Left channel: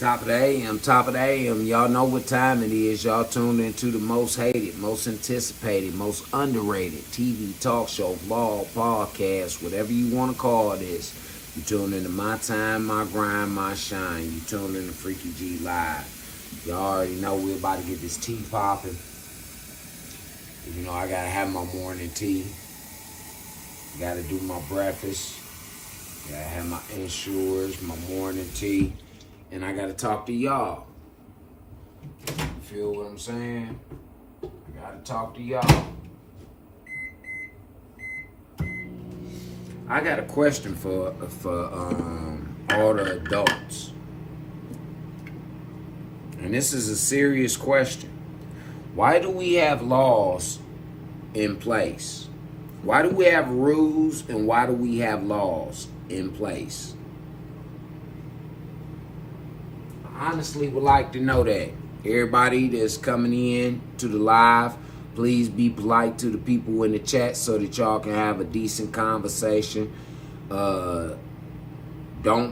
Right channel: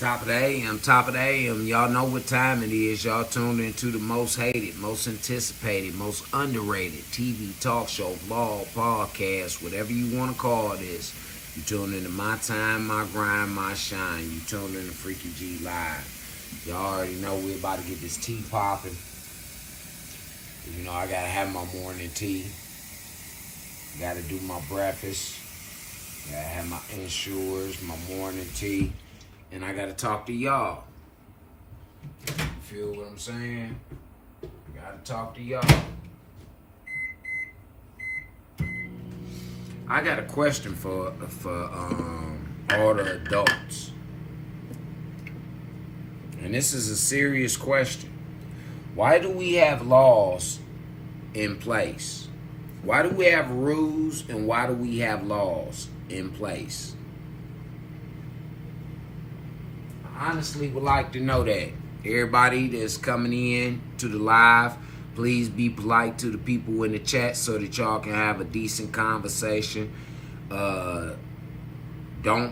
Top of the AM, top of the AM. Y'all know what time it is. Y'all tuned into the most hated, most anticipated, most underrated TV talk show, vlog, podcast, whatever you want to call this. You tuned into My Time, My Grind, My Shine. You tuned into Freaky G Live. Y'all already know we're about to get this tea popping. You know, I got to have my morning tea. Got to do my breakfast. Got to have my insurers, my morning tea. And I gotta talk to y'all. You feel what I'm saying? I gotta talk to y'all. I got a question for all the adults. And this is a serious question. Why do we have laws in place? Why do we have rules and why do we have laws in place? Honestly would like to know that. Everybody that's coming in to the live, please be polite to the people in the chat so that y'all can have a decent conversation. Don't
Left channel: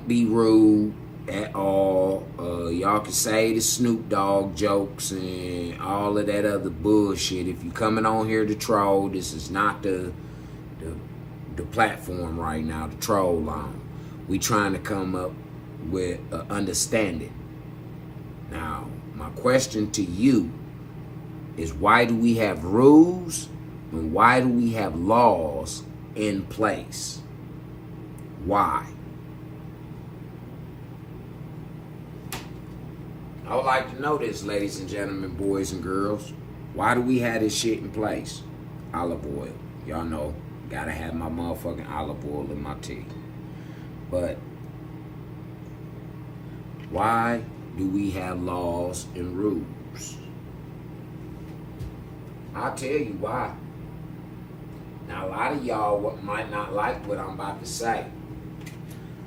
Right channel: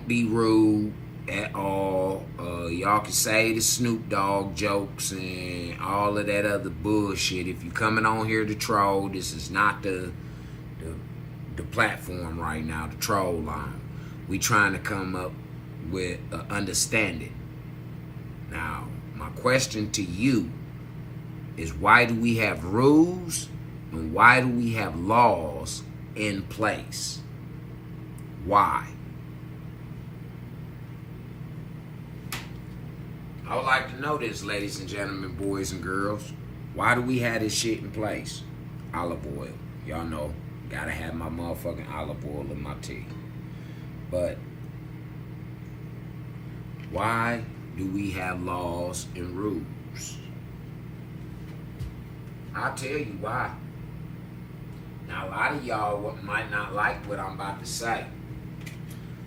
be rude at all. Y'all can say the Snoop Dogg jokes and all of that other bullshit. If you coming on here to troll, this is not the platform right now, the troll line. We trying to come up with understanding. Now, my question to you is, why do we have rules and why do we have laws in place? Why? I would like to know this, ladies and gentlemen, boys and girls. Why do we have this shit in place? Olive oil. Y'all know, gotta have my motherfucking olive oil in my tea. But why do we have laws and rules? I'll tell you why. Now, a lot of y'all might not like what I'm about to say.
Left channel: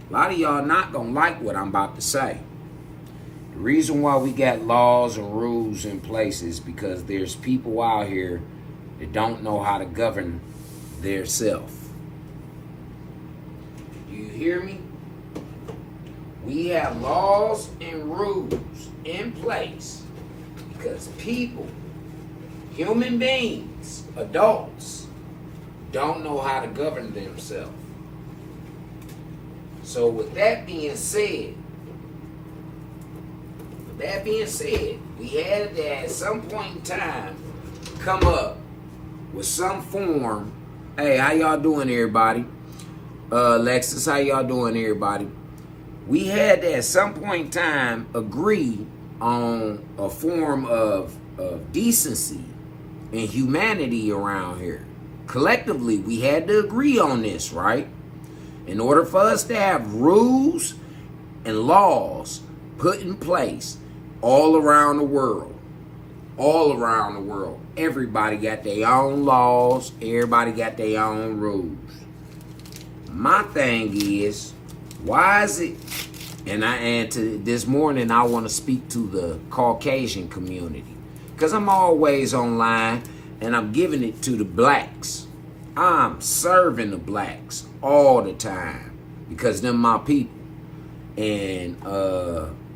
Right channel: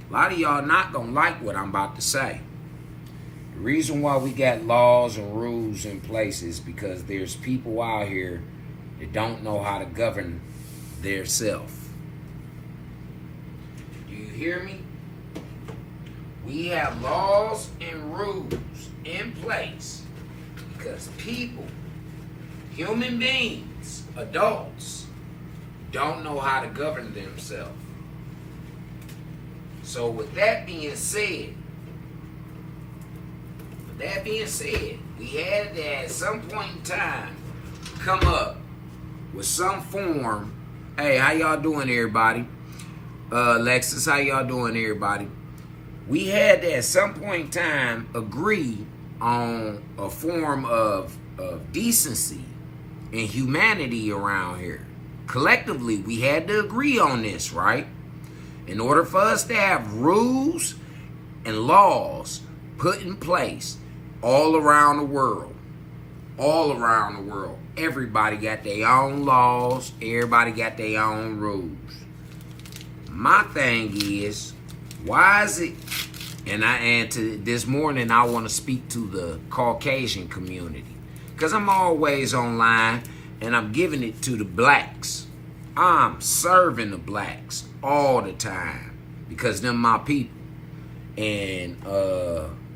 A lot of y'all not gonna like what I'm about to say. The reason why we got laws and rules in place is because there's people out here that don't know how to govern their self. Do you hear me? We have laws and rules in place because people, human beings, adults, don't know how to govern themselves. So with that being said, we had to at some point in time come up with some form. Hey, how y'all doing, everybody? Alexis, how y'all doing, everybody? We had to at some point in time agree on a form of decency and humanity around here. Collectively, we had to agree on this, right? In order for us to have rules and laws put in place all around the world. All around the world. Everybody got their own laws. Everybody got their own rules. My thing is, why is it, and this morning I want to speak to the Caucasian community, because I'm always online and I'm giving it to the blacks. I'm serving the blacks all the time because they're my people. And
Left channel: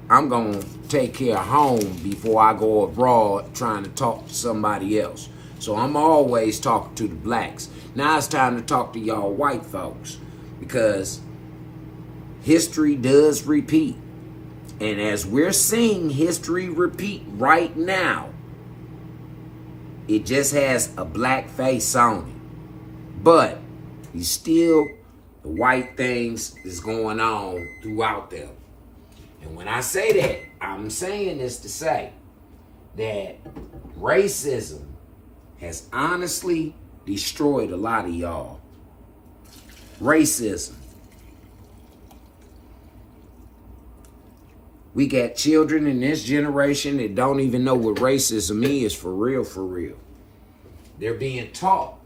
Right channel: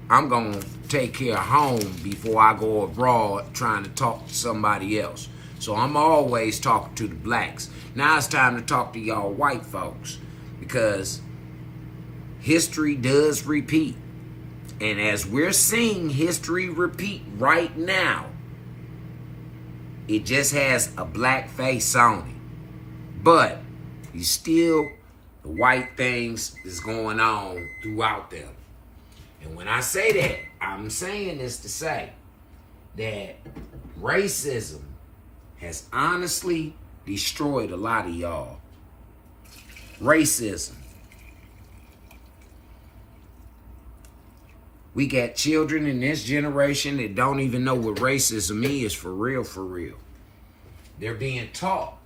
I'm going to take care of home before I go abroad trying to talk to somebody else. So I'm always talking to the blacks. Now it's time to talk to y'all white folks, because history does repeat. And as we're seeing history repeat right now, it just has a black face on it. But you still, the white things is going on throughout them. And when I say that, I'm saying this to say that racism has honestly destroyed a lot of y'all. Racism. We got children in this generation that don't even know what racism is for real, for real. They're being taught,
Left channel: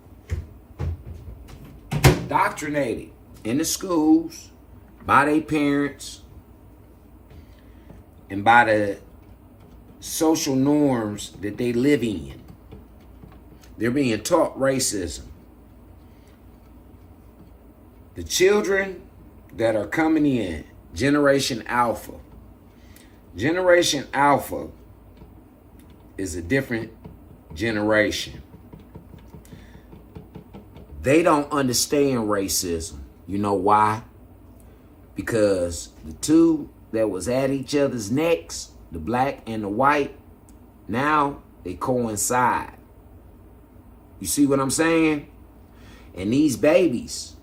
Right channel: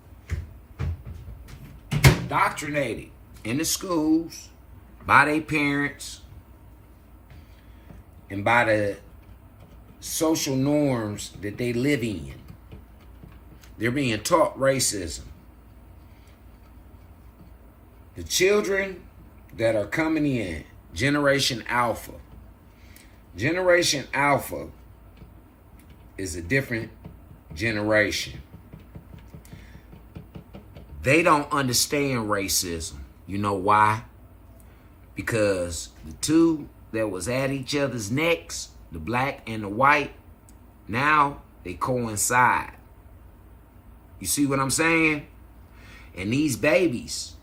indoctrinated in the schools by their parents and by the social norms that they live in. They're being taught racism. The children that are coming in, Generation Alpha, Generation Alpha is a different generation. They don't understand racism. You know why? Because the two that was at each other's necks, the black and the white, now they coincide. You see what I'm saying? And these babies,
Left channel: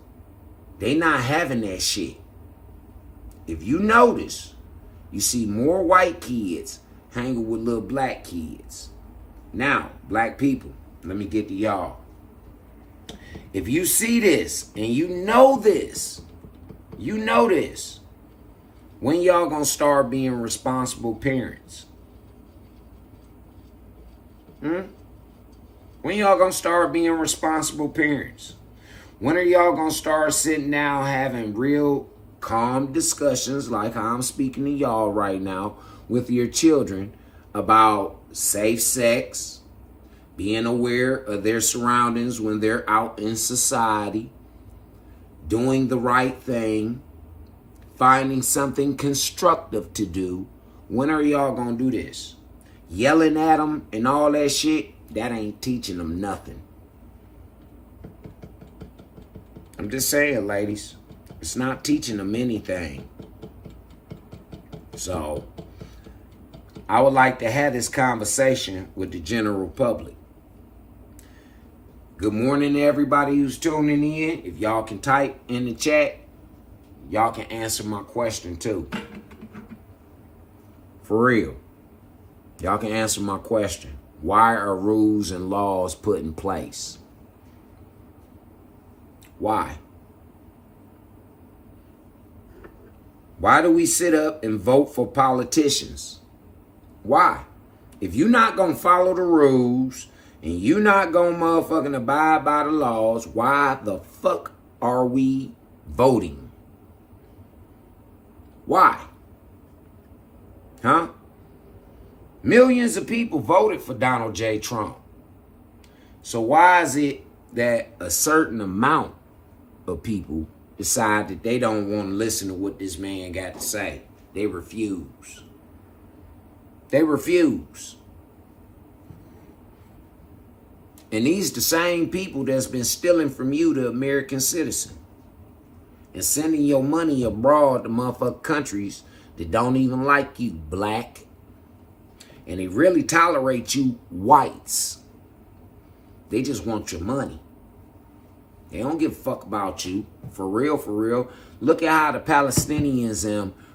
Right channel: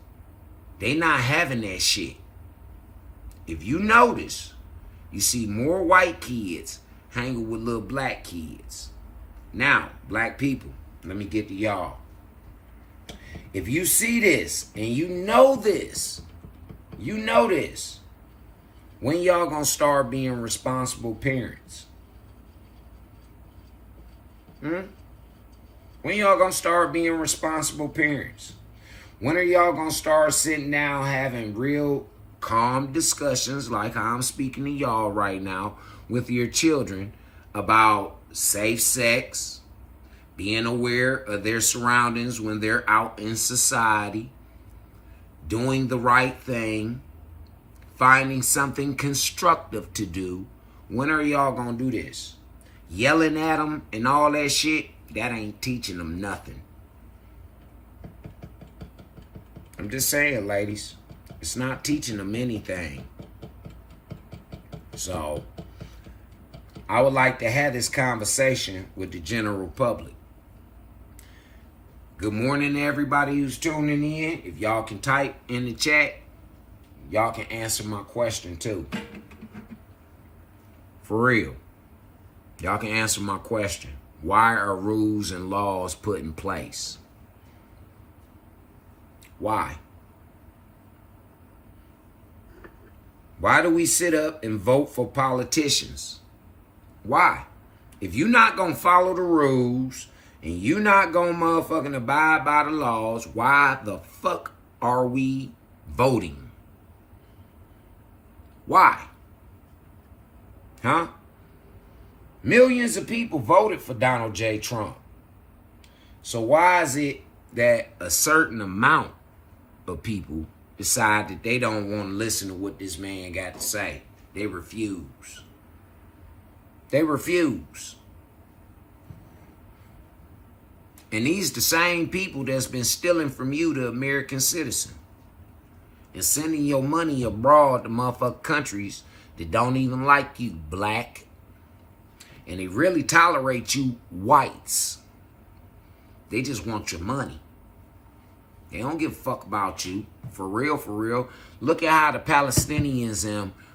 they not having that shit. If you notice, you see more white kids hanging with little black kids. Now, black people, let me get to y'all. If you see this and you know this, when y'all gonna start being responsible parents? When y'all gonna start being responsible parents? When are y'all gonna start sitting down having real calm discussions like I'm speaking to y'all right now with your children about safe sex, being aware of their surroundings when they're out in society, doing the right thing, finding something constructive to do? When are y'all gonna do this? Yelling at them and all that shit, that ain't teaching them nothing. I'm just saying, ladies, it's not teaching them anything. So, I would like to have this conversation with the general public. Good morning to everybody who's tuning in. If y'all can type in the chat, y'all can answer my question too. For real. Y'all can answer my question. Why are rules and laws put in place? Why? Why do we sit up and vote for politicians? Why? If you're not going to follow the rules and you're not going to motherfucking abide by the laws, why the fuck are we voting? Why? Huh? Millions of people voted for Donald J. Trump. So why is it that a certain amount of people decide that they don't want to listen to what this man got to say? They refuse. They refuse. And these the same people that's been stealing from you, the American citizen, and sending your money abroad to motherfucking countries that don't even like you, black. And they really tolerate you, whites. They just want your money. They don't give a fuck about you. For real, for real. Look at how the Palestinians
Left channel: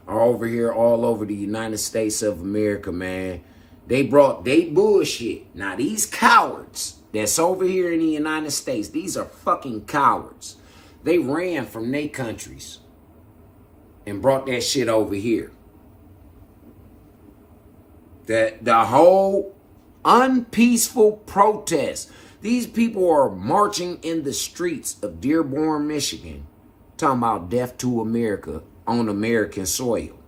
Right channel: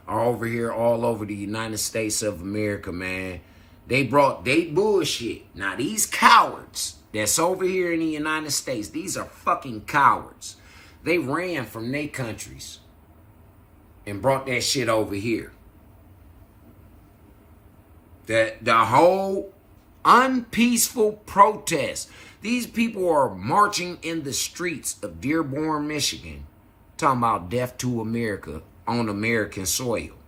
are over here all over the United States of America, man. They bullshit. Now, these cowards that's over here in the United States, these are fucking cowards. They ran from their countries and brought that shit over here. The whole unpeaceful protest. These people are marching in the streets of Dearborn, Michigan, talking about death to America on American soil.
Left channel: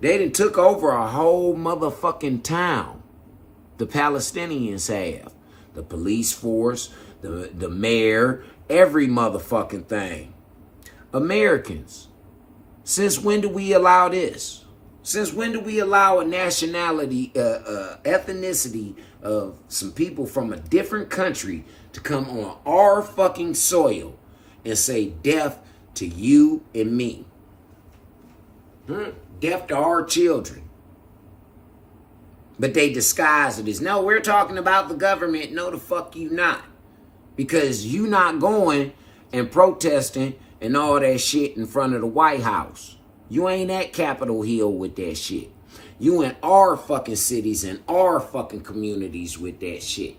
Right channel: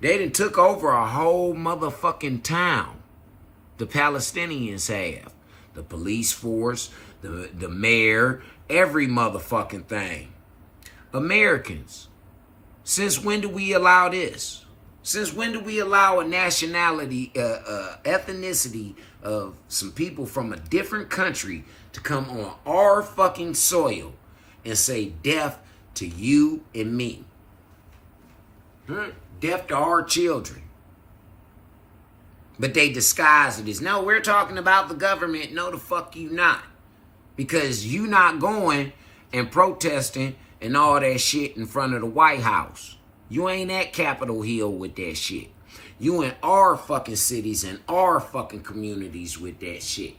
They done took over a whole motherfucking town. The Palestinians have. The police force, the mayor, every motherfucking thing. Americans, since when do we allow this? Since when do we allow a nationality, ethnicity of some people from a different country to come on our fucking soil and say death to you and me? Death to our children. But they disguise it as, no, we're talking about the government. No, the fuck you not. Because you not going and protesting and all that shit in front of the White House. You ain't at Capitol Hill with that shit. You in our fucking cities and our fucking communities with that shit.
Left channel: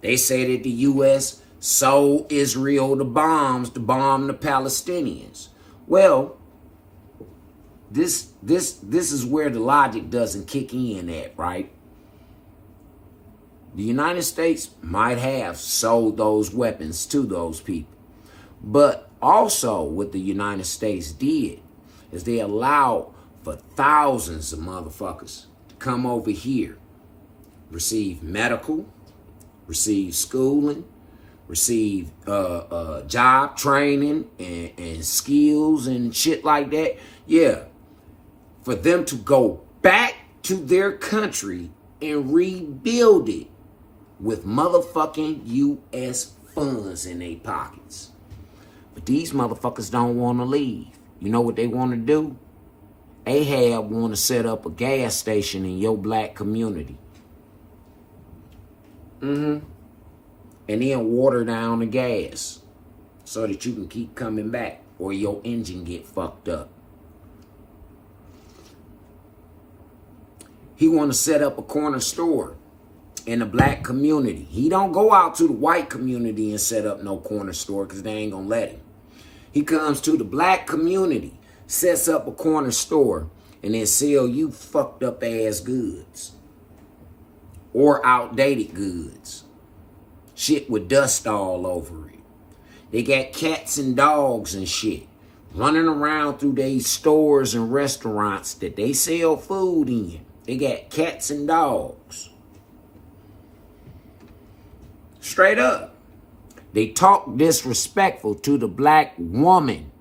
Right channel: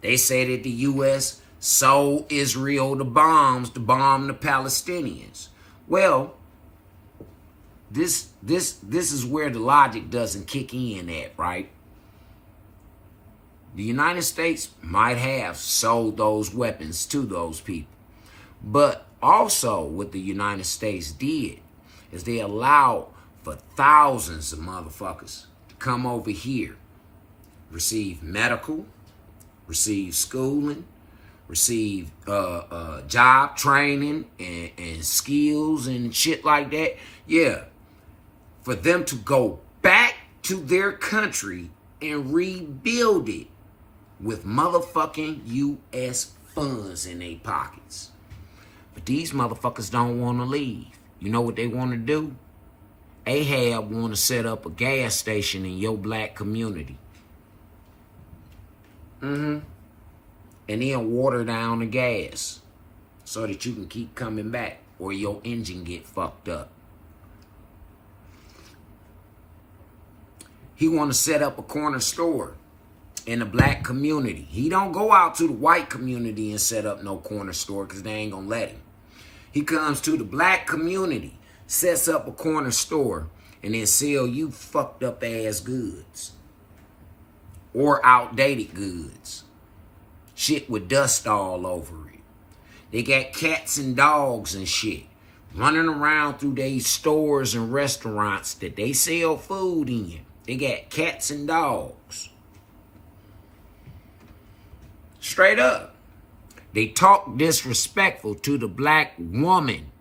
They say that the U.S. sold Israel the bombs to bomb the Palestinians. Well, this is where the logic doesn't kick in at, right? The United States might have sold those weapons to those people. But also what the United States did is they allowed for thousands of motherfuckers to come over here, receive medical, receive schooling, receive job training and skills and shit like that. Yeah, for them to go back to their country and rebuild it with motherfucking U.S. funds in their pockets. But these motherfuckers don't want to leave. You know what they want to do? Ahab want to set up a gas station in your black community. And then water down the gas so that you can keep coming back or your engine get fucked up. He want to set up a corner store in the black community. He don't go out to the white community and set up no corner store because they ain't going to let him. He comes to the black community, sets up a corner store, and then sell you fucked up ass goods. Or outdated goods. Shit with dust all over it. They got cats and dogs and shit running around through these stores and restaurants that they sell food in. They got cats and dogs. Straight up. They talk disrespectful to the black woman.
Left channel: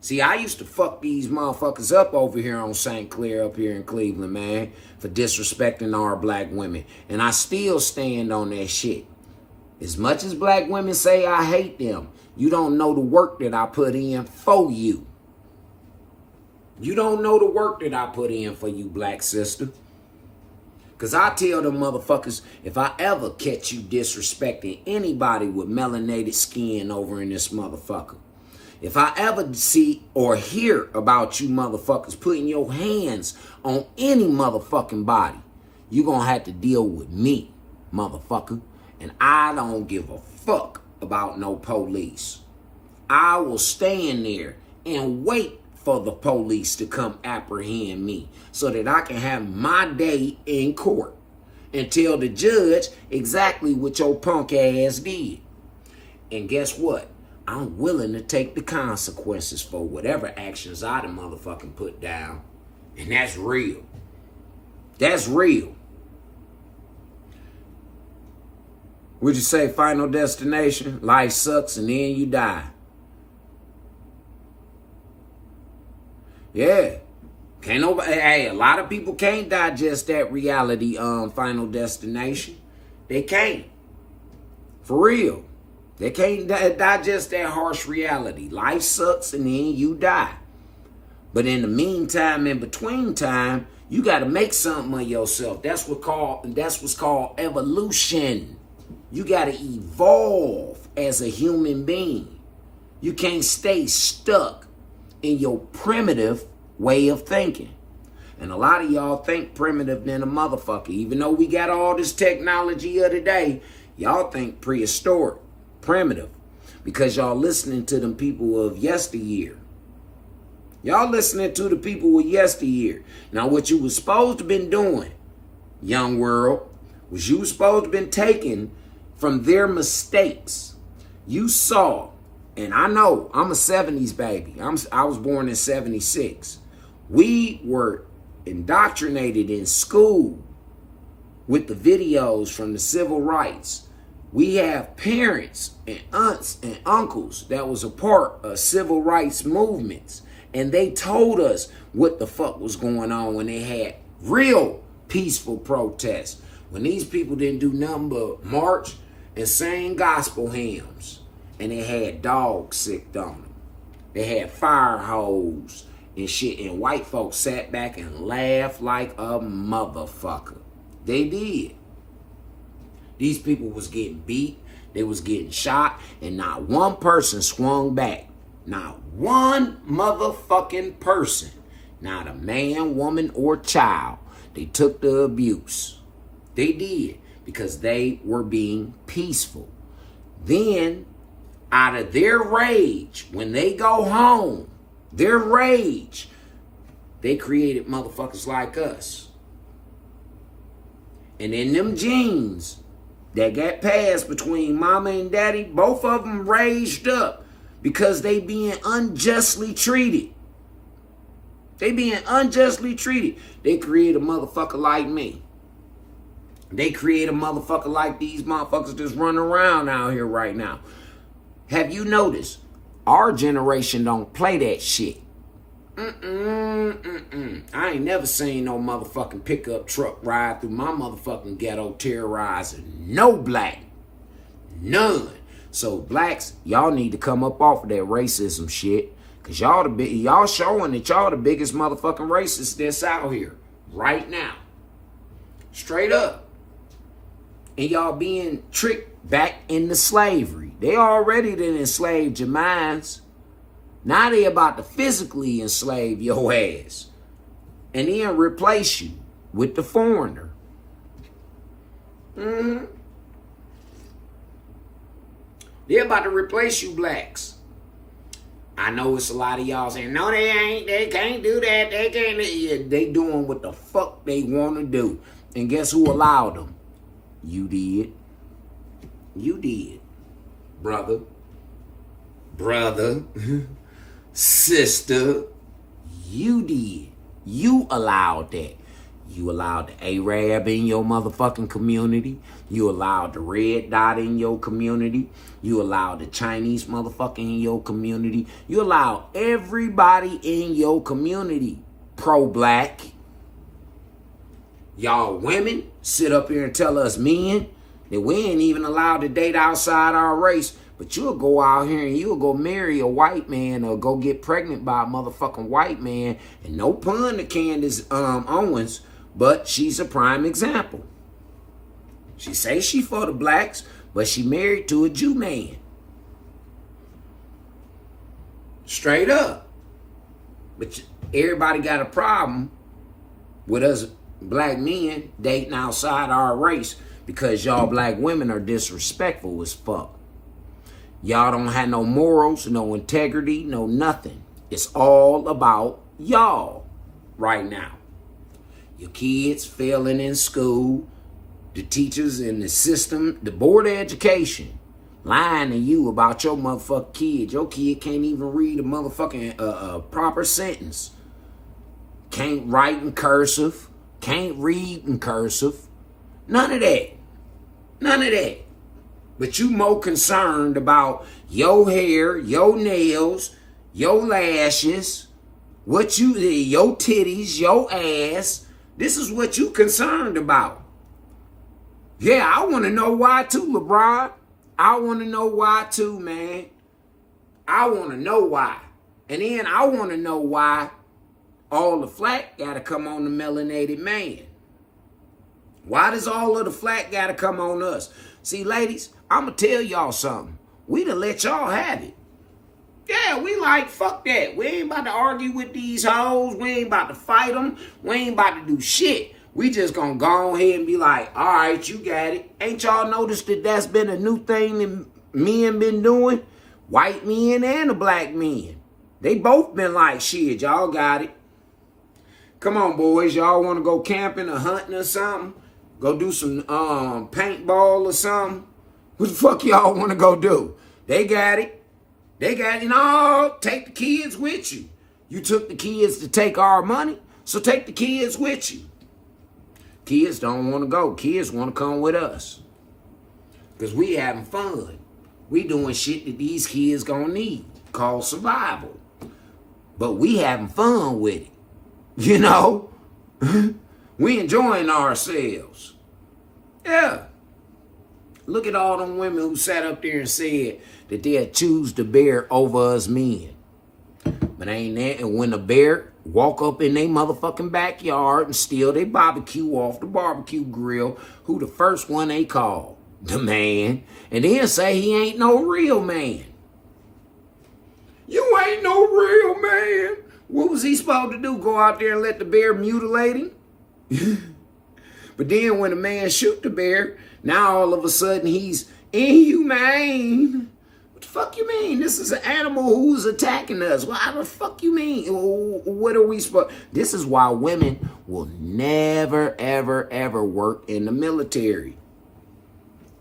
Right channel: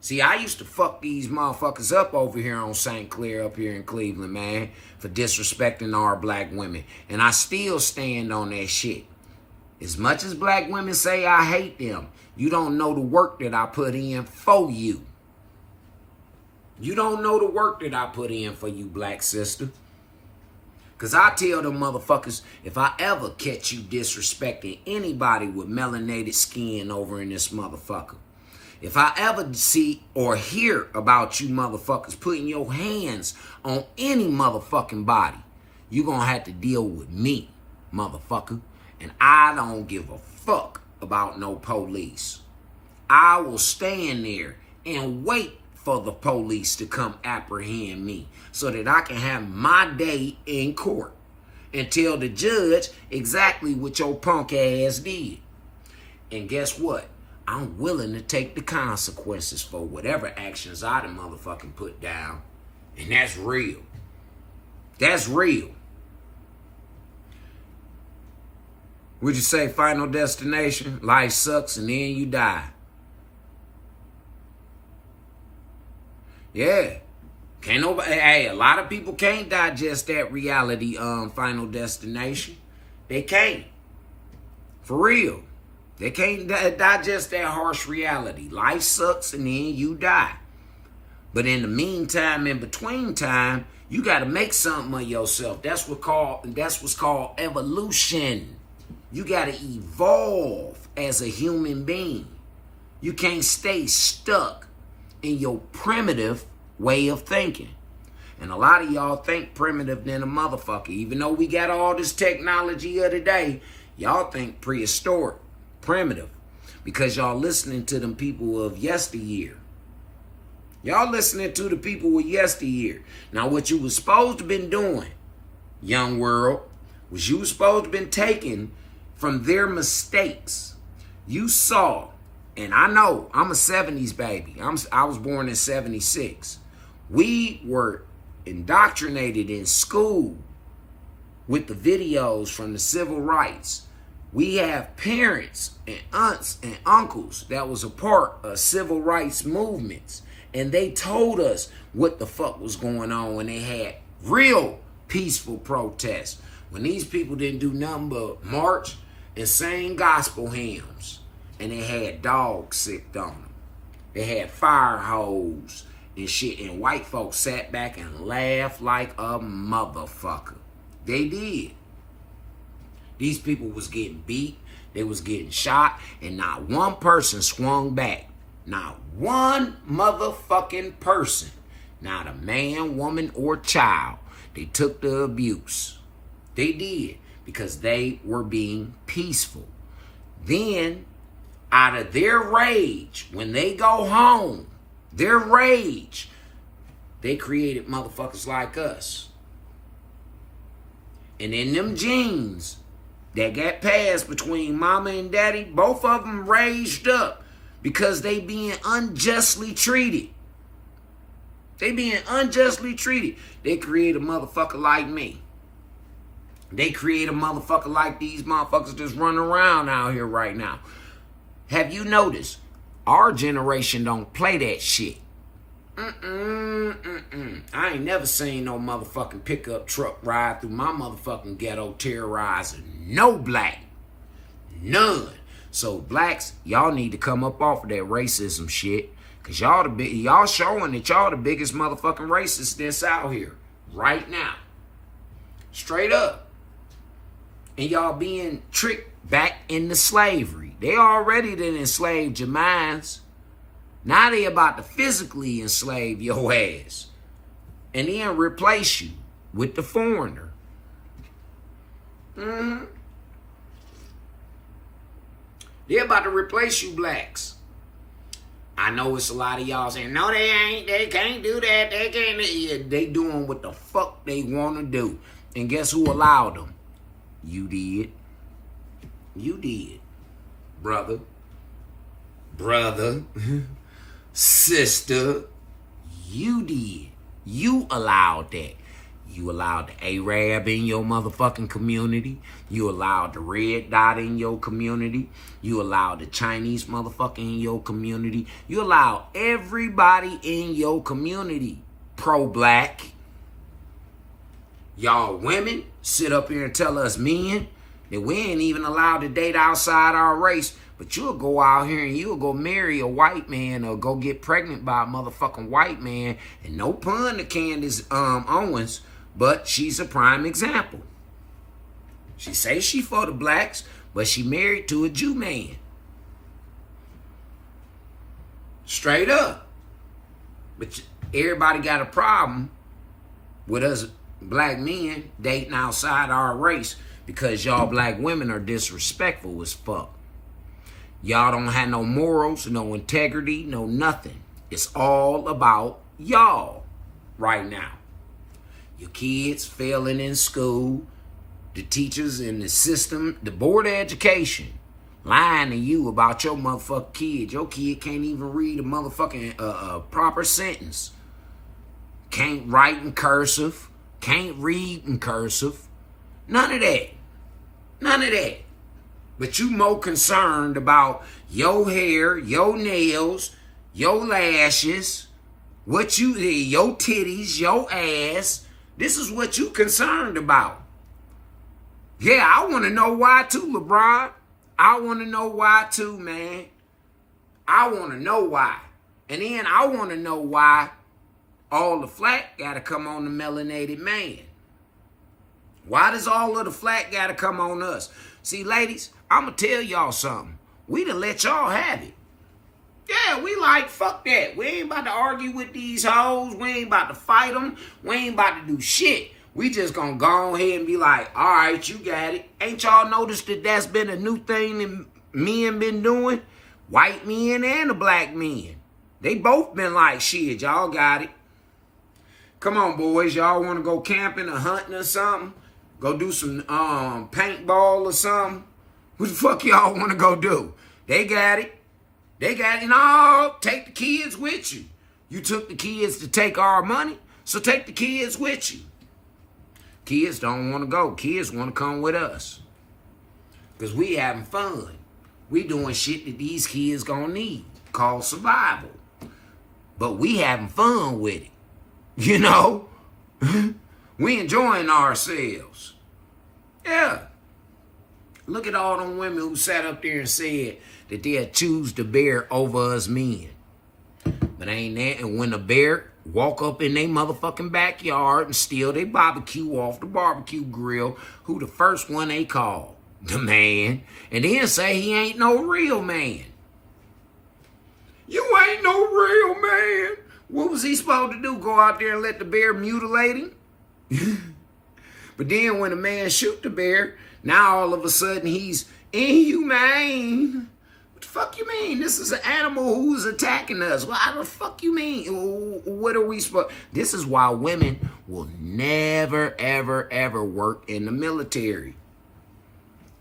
See, I used to fuck these motherfuckers up over here on St. Clair up here in Cleveland, man, for disrespecting our black women. And I still stand on that shit. As much as black women say I hate them, you don't know the work that I put in for you. You don't know the work that I put in for you, black sister. Because I tell them motherfuckers, if I ever catch you disrespecting anybody with melanated skin over in this motherfucker, if I ever see or hear about you motherfuckers putting your hands on any motherfucking body, you gonna have to deal with me, motherfucker. And I don't give a fuck about no police. I will stand there and wait for the police to come apprehend me so that I can have my day in court and tell the judge exactly what your punk ass did. And guess what? I'm willing to take the consequences for whatever actions I done motherfucking put down. And that's real. That's real. Would you say Final Destination? Life sucks and then you die. Yeah. Can't nobody, hey, a lot of people can't digest that reality, Final Destination. They can't. For real. They can't digest that harsh reality. Life sucks and then you die. But in the meantime, in between time, you got to make something of yourself. That's what's called evolution. You got to evolve as a human being. You can't stay stuck in your primitive way of thinking. And a lot of y'all think primitive than a motherfucker. Even though we got all this technology of today, y'all think prehistoric. Primitive, because y'all listening to them people of yesteryear. Y'all listening to the people of yesteryear. Now, what you was supposed to been doing, young world, was you was supposed to been taking from their mistakes. You saw, and I know I'm a 70s baby. I was born in 76. We were indoctrinated in school with the videos from the civil rights. We have parents and aunts and uncles that was a part of civil rights movements. And they told us what the fuck was going on when they had real peaceful protests. When these people didn't do nothing but march and sing gospel hymns. And they had dogs sicked on them. They had fire hose and shit. And white folks sat back and laughed like a motherfucker. They did. These people was getting beat, they was getting shot, and not one person swung back. Not one motherfucking person. Not a man, woman, or child. They took the abuse. They did, because they were being peaceful. Then, out of their rage, when they go home, their rage, they created motherfuckers like us. And in them genes that got passed between mama and daddy, both of them raised up because they being unjustly treated. They being unjustly treated. They create a motherfucker like me. They create a motherfucker like these motherfuckers that's running around out here right now. Have you noticed? Our generation don't play that shit. I ain't never seen no motherfucking pickup truck ride through my motherfucking ghetto terrorizing no black. None. So blacks, y'all need to come up off of that racism shit. Cause y'all showing that y'all the biggest motherfucking racists that's out here. Right now. Straight up. And y'all being tricked back into slavery. They already done enslaved your minds. Now they about to physically enslave your ass. And then replace you with the foreigner. They're about to replace you blacks. I know it's a lot of y'all saying, no, they ain't. They can't do that. They can't. Yeah, they doing what the fuck they want to do. And guess who allowed them? You did. You did. Brother. Sister. You did. You allowed that. You allowed the Arab in your motherfucking community. You allowed the red dot in your community. You allowed the Chinese motherfucker in your community. You allowed everybody in your community pro-black. Y'all women sit up here and tell us men that we ain't even allowed to date outside our race. But you'll go out here and you'll go marry a white man or go get pregnant by a motherfucking white man. And no pun to Candace Owens, but she's a prime example. She says she for the blacks, but she married to a Jew man. Straight up. But everybody got a problem with us black men dating outside our race because y'all black women are disrespectful as fuck. Y'all don't have no morals, no integrity, no nothing. It's all about y'all right now. Your kids failing in school, the teachers in the system, the board of education lying to you about your motherfucking kid. Your kid can't even read a motherfucking proper sentence. Can't write in cursive. Can't read in cursive. None of that. None of that. But you more concerned about your hair, your nails, your lashes, your titties, your ass. This is what you concerned about. Yeah, I want to know why too, LeBron. I want to know why too, man. I want to know why. And then I want to know why all the flack got to come on the melanated man. Why does all of the flack got to come on us? See, ladies, I'm going to tell y'all something. We done let y'all have it. Yeah, we like, fuck that. We ain't about to argue with these hoes. We ain't about to fight them. We ain't about to do shit. We just gonna go ahead and be like, all right, you got it. Ain't y'all noticed that that's been a new thing that men been doing? White men and the black men. They both been like, shit, y'all got it. Come on, boys. Y'all want to go camping or hunting or something? Go do some paintball or something? What the fuck y'all want to go do? They got it. They got it. No, take the kids with you. You took the kids to take our money, so take the kids with you. Kids don't want to go. Kids want to come with us. Because we having fun. We doing shit that these kids gonna need, called survival. But we having fun with it. You know? We enjoying ourselves. Yeah. Look at all them women who sat up there and said that they'll choose the bear over us men. But ain't that, and when the bear walk up in their motherfucking backyard and steal their barbecue off the barbecue grill, who the first one they call? The man. And then say he ain't no real man. You ain't no real man. What was he supposed to do? Go out there and let the bear mutilate him? But then when the man shoot the bear, now all of a sudden he's inhumane. What the fuck you mean? This is an animal who's attacking us. Well, how the fuck you mean? What are we supposed? This is why women will never, ever, ever work in the military.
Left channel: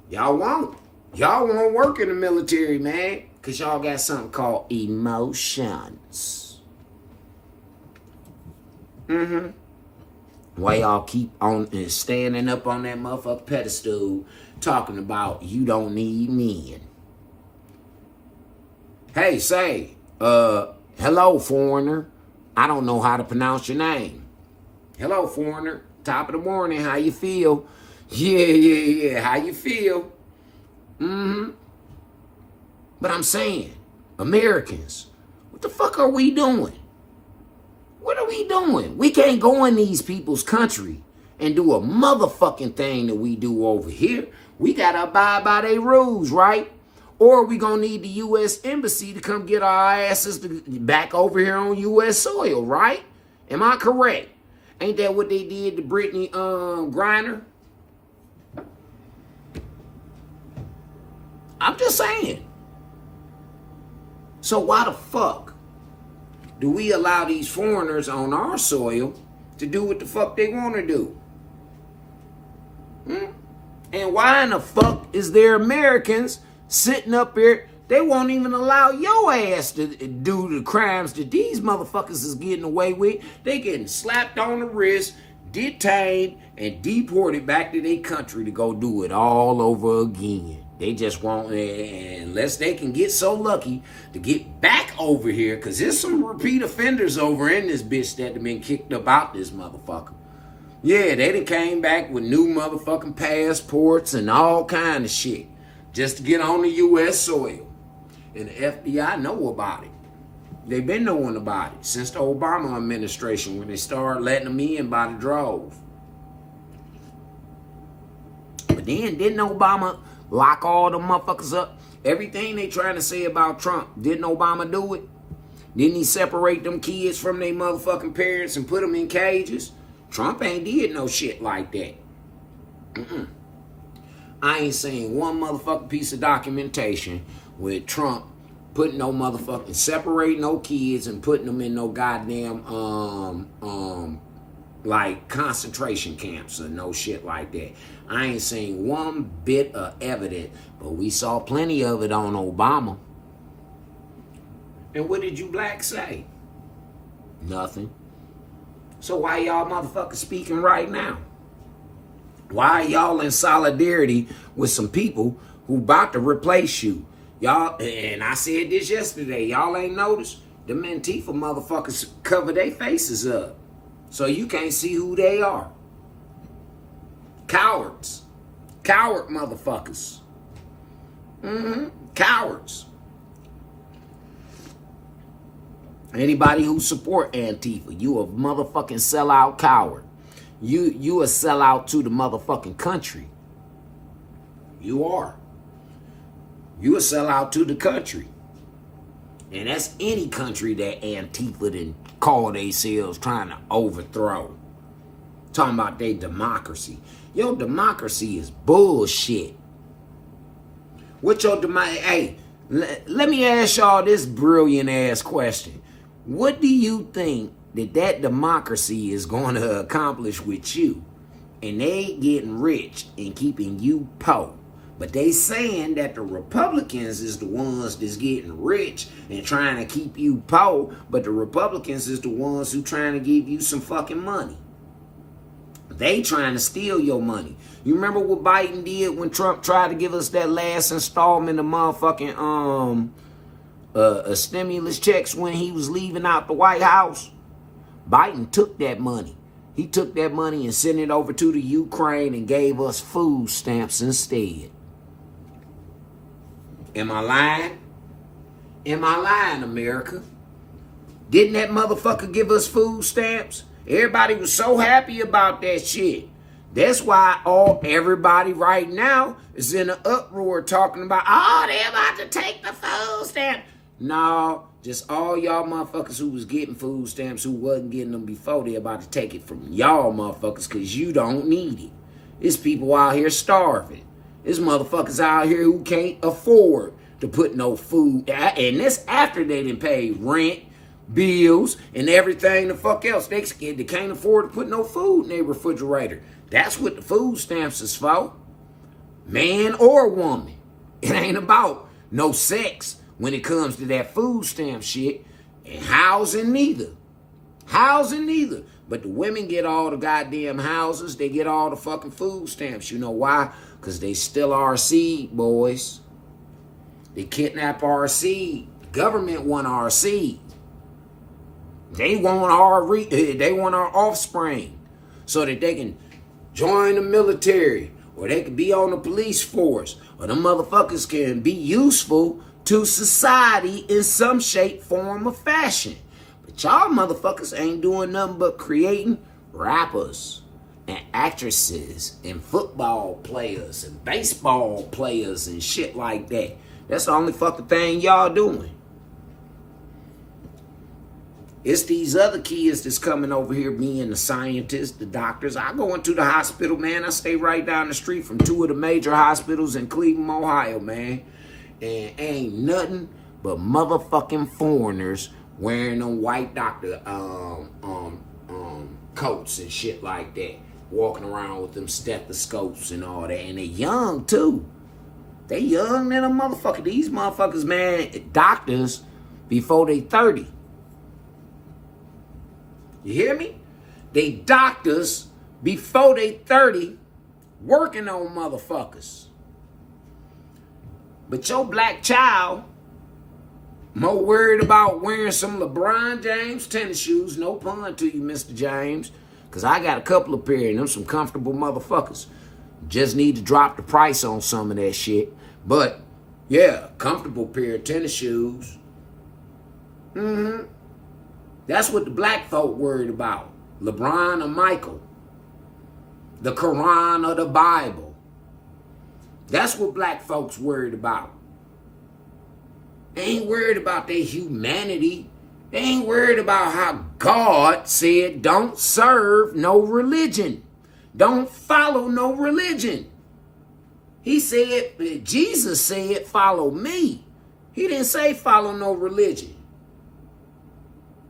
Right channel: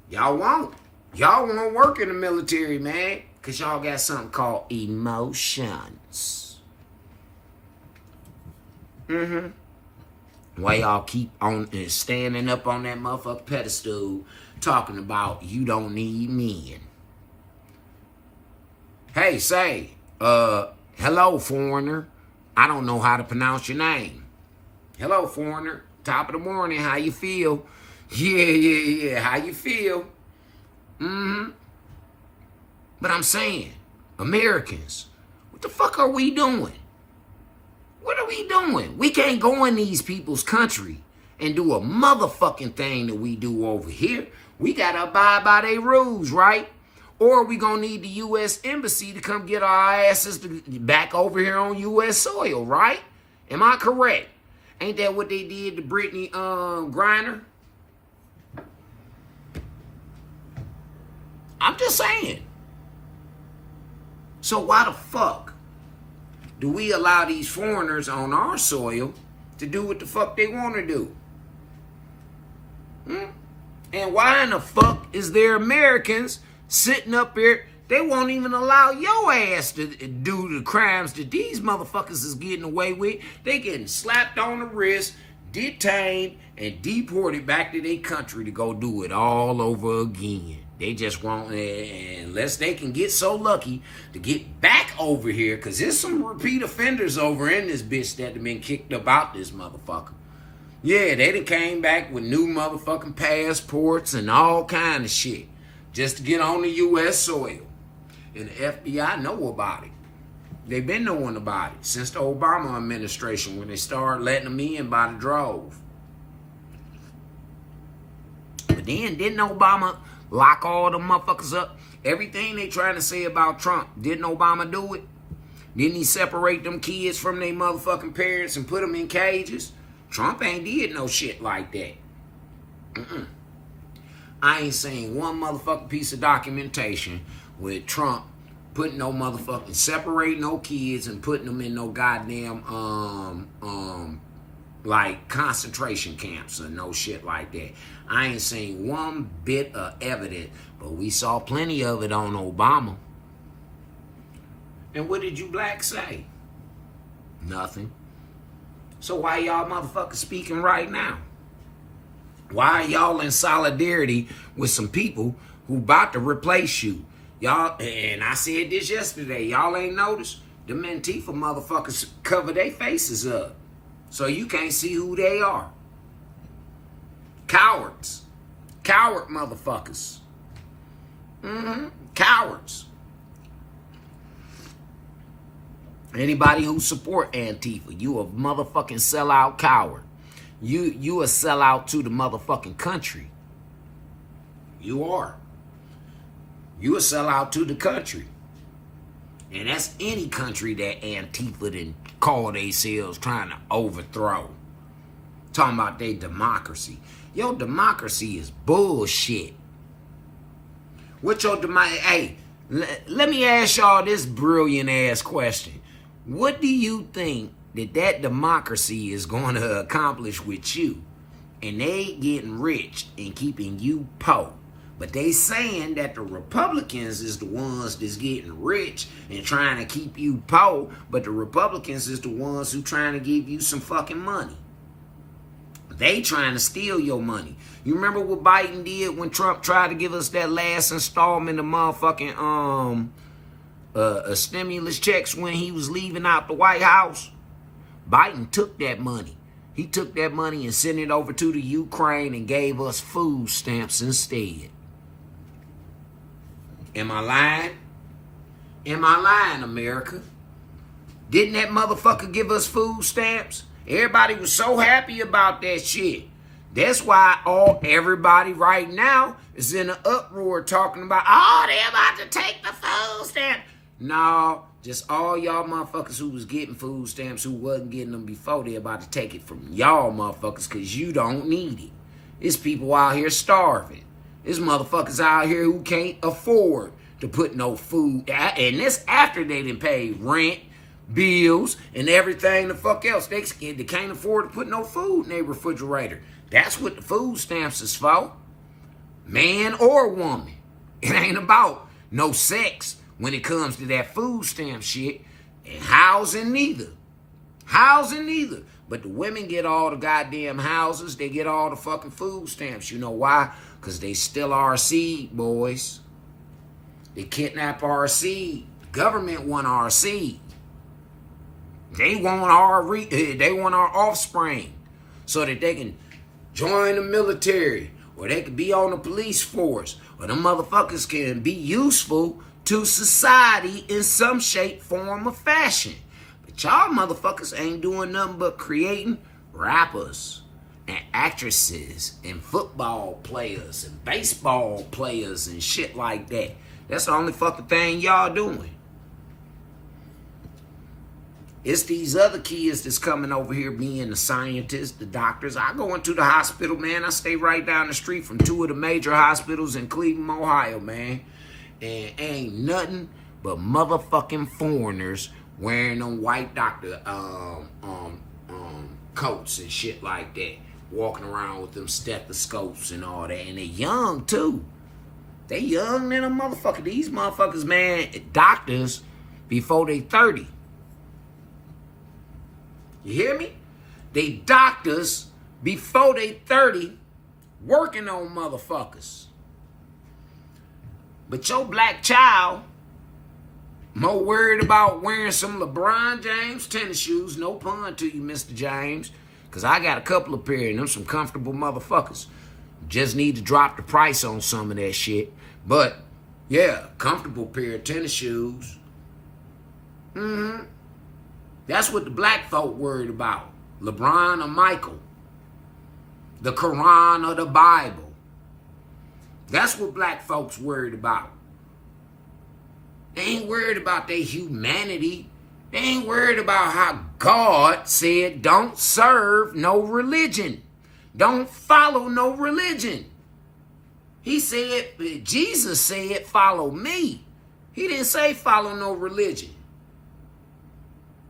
Y'all won't. Y'all won't work in the military, man. Because y'all got something called emotions. Why y'all keep on standing up on that motherfucking pedestal talking about you don't need men. Hey, say, hello, foreigner. I don't know how to pronounce your name. Hello, foreigner. Top of the morning. How you feel? Yeah. How you feel? But I'm saying, Americans, what the fuck are we doing? What are we doing? We can't go in these people's country and do a motherfucking thing that we do over here. We gotta abide by their rules, right? Or we gonna need the U.S. Embassy to come get our asses back over here on U.S. soil, right? Am I correct? Ain't that what they did to Brittany Griner? I'm just saying. So why the fuck do we allow these foreigners on our soil to do what the fuck they want to do? And why in the fuck is there Americans sitting up here? They won't even allow your ass to do the crimes that these motherfuckers is getting away with. They getting slapped on the wrist, detained, and deported back to their country to go do it all over again. They just won't, unless they can get so lucky to get back over here, because there's some repeat offenders over in this bitch that have been kicked up out this motherfucker. Yeah, they done came back with new motherfucking passports and all kind of shit just to get on the U.S. soil. And the FBI know about it. They've been knowing about it since the Obama administration when they started letting them in by the drove. But then, didn't Obama lock all the motherfuckers up? Everything they trying to say about Trump, didn't Obama do it? Didn't he separate them kids from their motherfucking parents and put them in cages? Trump ain't did no shit like that. I ain't seen one motherfucking piece of documentation with Trump putting no motherfucking, separating no kids and putting them in no goddamn, like concentration camps or no shit like that. I ain't seen one bit of evidence, but we saw plenty of it on Obama. And what did you blacks say? Nothing. So why y'all motherfuckers speaking right now? Why are y'all in solidarity with some people who about to replace you? Y'all, and I said this yesterday, y'all ain't noticed? The Antifa motherfuckers cover their faces up so you can't see who they are. Cowards. Coward motherfuckers. Cowards. Anybody who support Antifa, you a motherfucking sellout coward. You a sellout to the motherfucking country. You are. You a sellout to the country. And that's any country that Antifa didn't call themselves trying to overthrow. Talking about their democracy. Your democracy is bullshit. What your democracy? Hey, let me ask y'all this brilliant ass question. What do you think that democracy is going to accomplish with you? And they getting rich and keeping you poor. But they saying that the Republicans is the ones that's getting rich and trying to keep you poor. But the Republicans is the ones who trying to give you some fucking money. They trying to steal your money. You remember what Biden did when Trump tried to give us that last installment of motherfucking stimulus checks when he was leaving out the White House? Biden took that money. He took that money and sent it over to the Ukraine and gave us food stamps instead. Am I lying? Am I lying, America? Didn't that motherfucker give us food stamps? Everybody was so happy about that shit. That's why everybody right now is in an uproar talking about, oh, they're about to take the food stamps. No, just all y'all motherfuckers who was getting food stamps who wasn't getting them before, they're about to take it from y'all motherfuckers because you don't need it. There's people out here starving. There's motherfuckers out here who can't afford to put no food. And this after they done paid rent, bills, and everything the fuck else. They can't afford to put no food in their refrigerator. That's what the food stamps is for. Man or woman. It ain't about no sex when it comes to that food stamp shit. And housing neither. Housing neither. But the women get all the goddamn houses. They get all the fucking food stamps. You know why? Because they steal our seed, boys. They kidnap our seed. The government want our seed. They want our offspring so that they can join the military, or they can be on the police force, or them motherfuckers can be useful to society in some shape, form, or fashion. But y'all motherfuckers ain't doing nothing but creating rappers and actresses and football players and baseball players and shit like that. That's the only fucking thing y'all doing. It's these other kids that's coming over here being the scientists, the doctors. I go into the hospital, man. I stay right down the street from two of the major hospitals in Cleveland, Ohio, man. And ain't nothing but motherfucking foreigners wearing them white doctor coats and shit like that. Walking around with them stethoscopes and all that. And they young, too. They young than a motherfucker. These motherfuckers, man, doctors before they 30. You hear me? They doctors before they 30 working on motherfuckers. But your black child more worried about wearing some LeBron James tennis shoes. No pun to you, Mr. James. Because I got a couple of pair of them, some comfortable motherfuckers. Just need to drop the price on some of that shit. But, yeah, comfortable pair of tennis shoes. That's what the black folk worried about. LeBron or Michael. The Quran or the Bible. That's what black folks worried about. They ain't worried about their humanity. They ain't worried about how God said don't serve no religion. Don't follow no religion. He said, Jesus said, follow me. He didn't say follow no religion.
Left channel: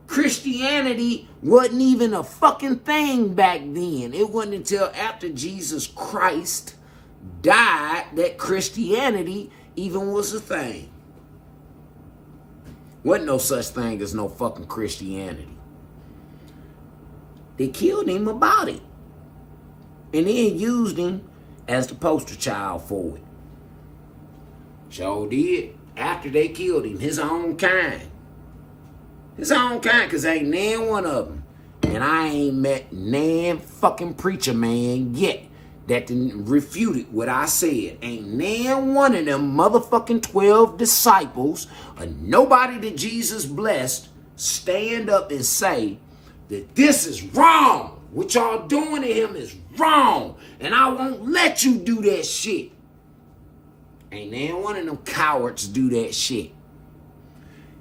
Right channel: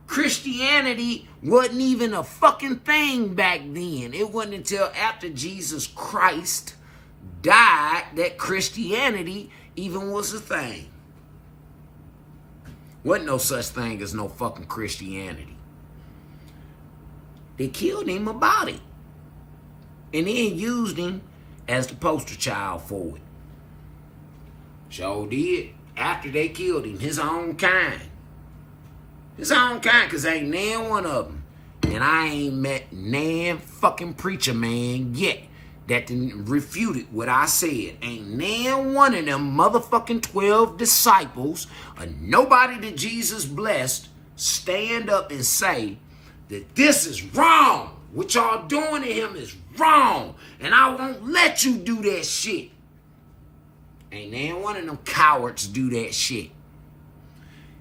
Christianity wasn't even a fucking thing back then. It wasn't until after Jesus Christ died that Christianity even was a thing. Wasn't no such thing as no fucking Christianity. They killed him about it. And then used him as the poster child for it. Sure did. After they killed him, his own kind. His own kind, because ain't nan one of them. And I ain't met nan fucking preacher man yet that didn't refute what I said. Ain't nan one of them motherfucking 12 disciples or nobody that Jesus blessed stand up and say that this is wrong. What y'all doing to him is wrong. And I won't let you do that shit. Ain't nan one of them cowards do that shit.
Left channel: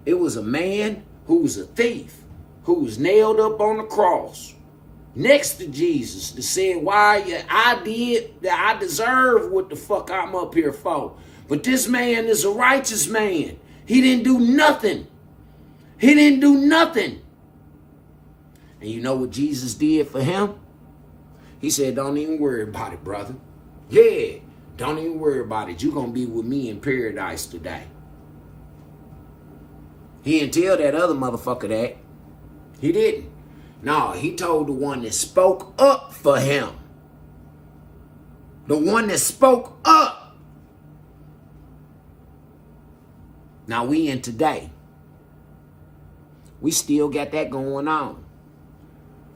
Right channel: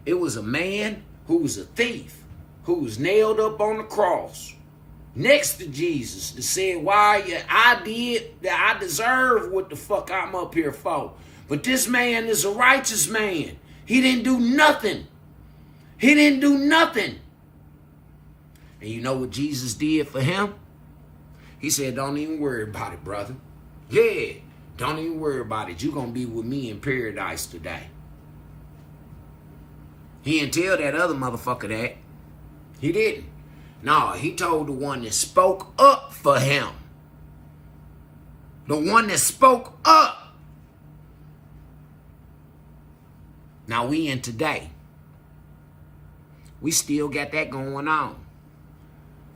It was a man who was a thief, who was nailed up on the cross next to Jesus, that said, why I deserve what the fuck I'm up here for. But this man is a righteous man. He didn't do nothing. He didn't do nothing. And you know what Jesus did for him? He said, don't even worry about it, brother. Yeah, don't even worry about it. You're going to be with me in paradise today. He didn't tell that other motherfucker that. He didn't. No, he told the one that spoke up for him. The one that spoke up. Now we in today. We still got that going on.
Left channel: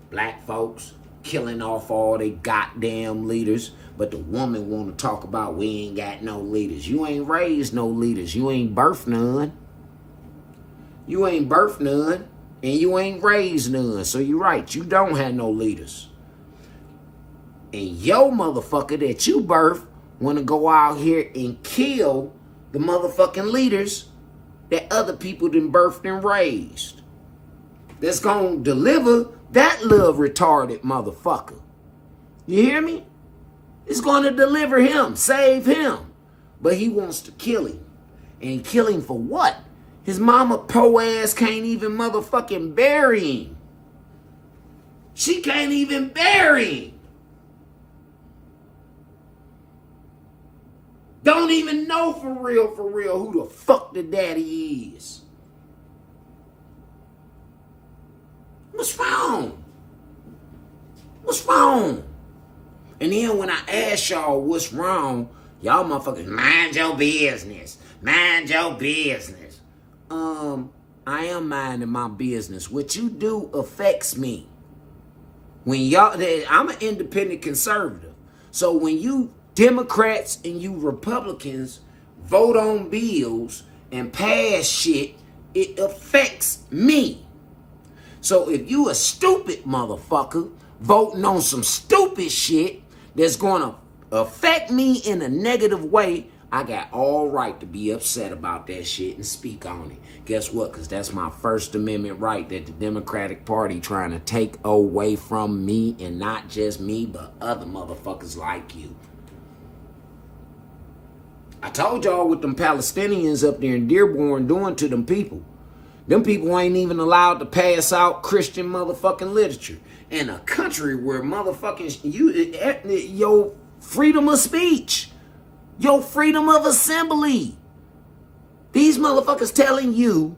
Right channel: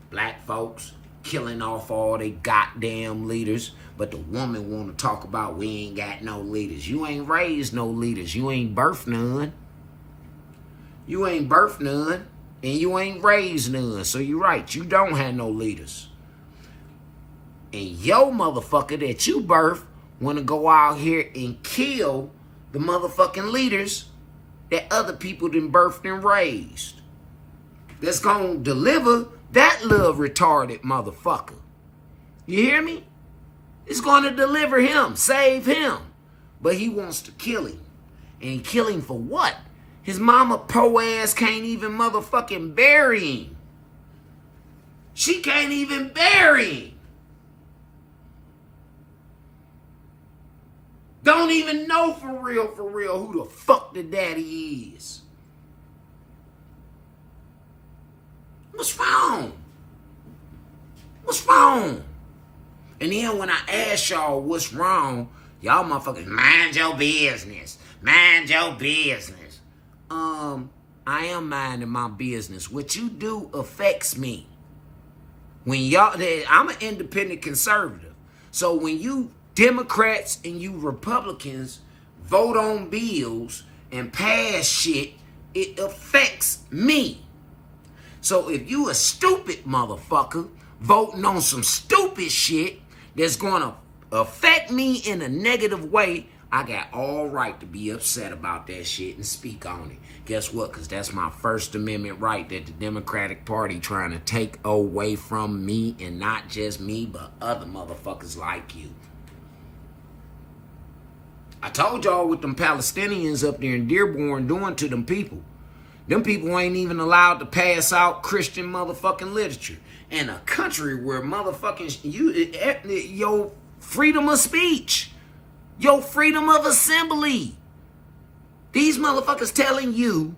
Black folks killing off all they goddamn leaders. But the woman want to talk about we ain't got no leaders. You ain't raised no leaders. You ain't birthed none. You ain't birthed none. And you ain't raised none. So you're right. You don't have no leaders. And your motherfucker that you birthed want to go out here and kill the motherfucking leaders that other people done birthed and raised. That's going to deliver that little retarded motherfucker. You hear me? It's going to deliver him, save him. But he wants to kill him. And he kill him for what? His mama po ass can't even motherfucking bury him. She can't even bury him. Don't even know for real, who the fuck the daddy is. What's wrong? What's wrong? And then when I ask y'all what's wrong, y'all motherfuckers, mind your business. Mind your business. I am minding my business. What you do affects me. When y'all, I'm an independent conservative. So when you Democrats and you Republicans vote on bills and pass shit, it affects me. So if you a stupid motherfucker voting on some stupid shit that's going to affect me in a negative way, I got all right to be upset about that shit and speak on it. Guess what? Because that's my First Amendment right that the Democratic Party trying to take away from me, and not just me, but other motherfuckers like you. I told y'all what them Palestinians up there in Dearborn doing to them people. Them people ain't even allowed to pass out Christian motherfucking literature in a country where motherfucking your freedom of speech, your freedom of assembly. These motherfuckers telling you,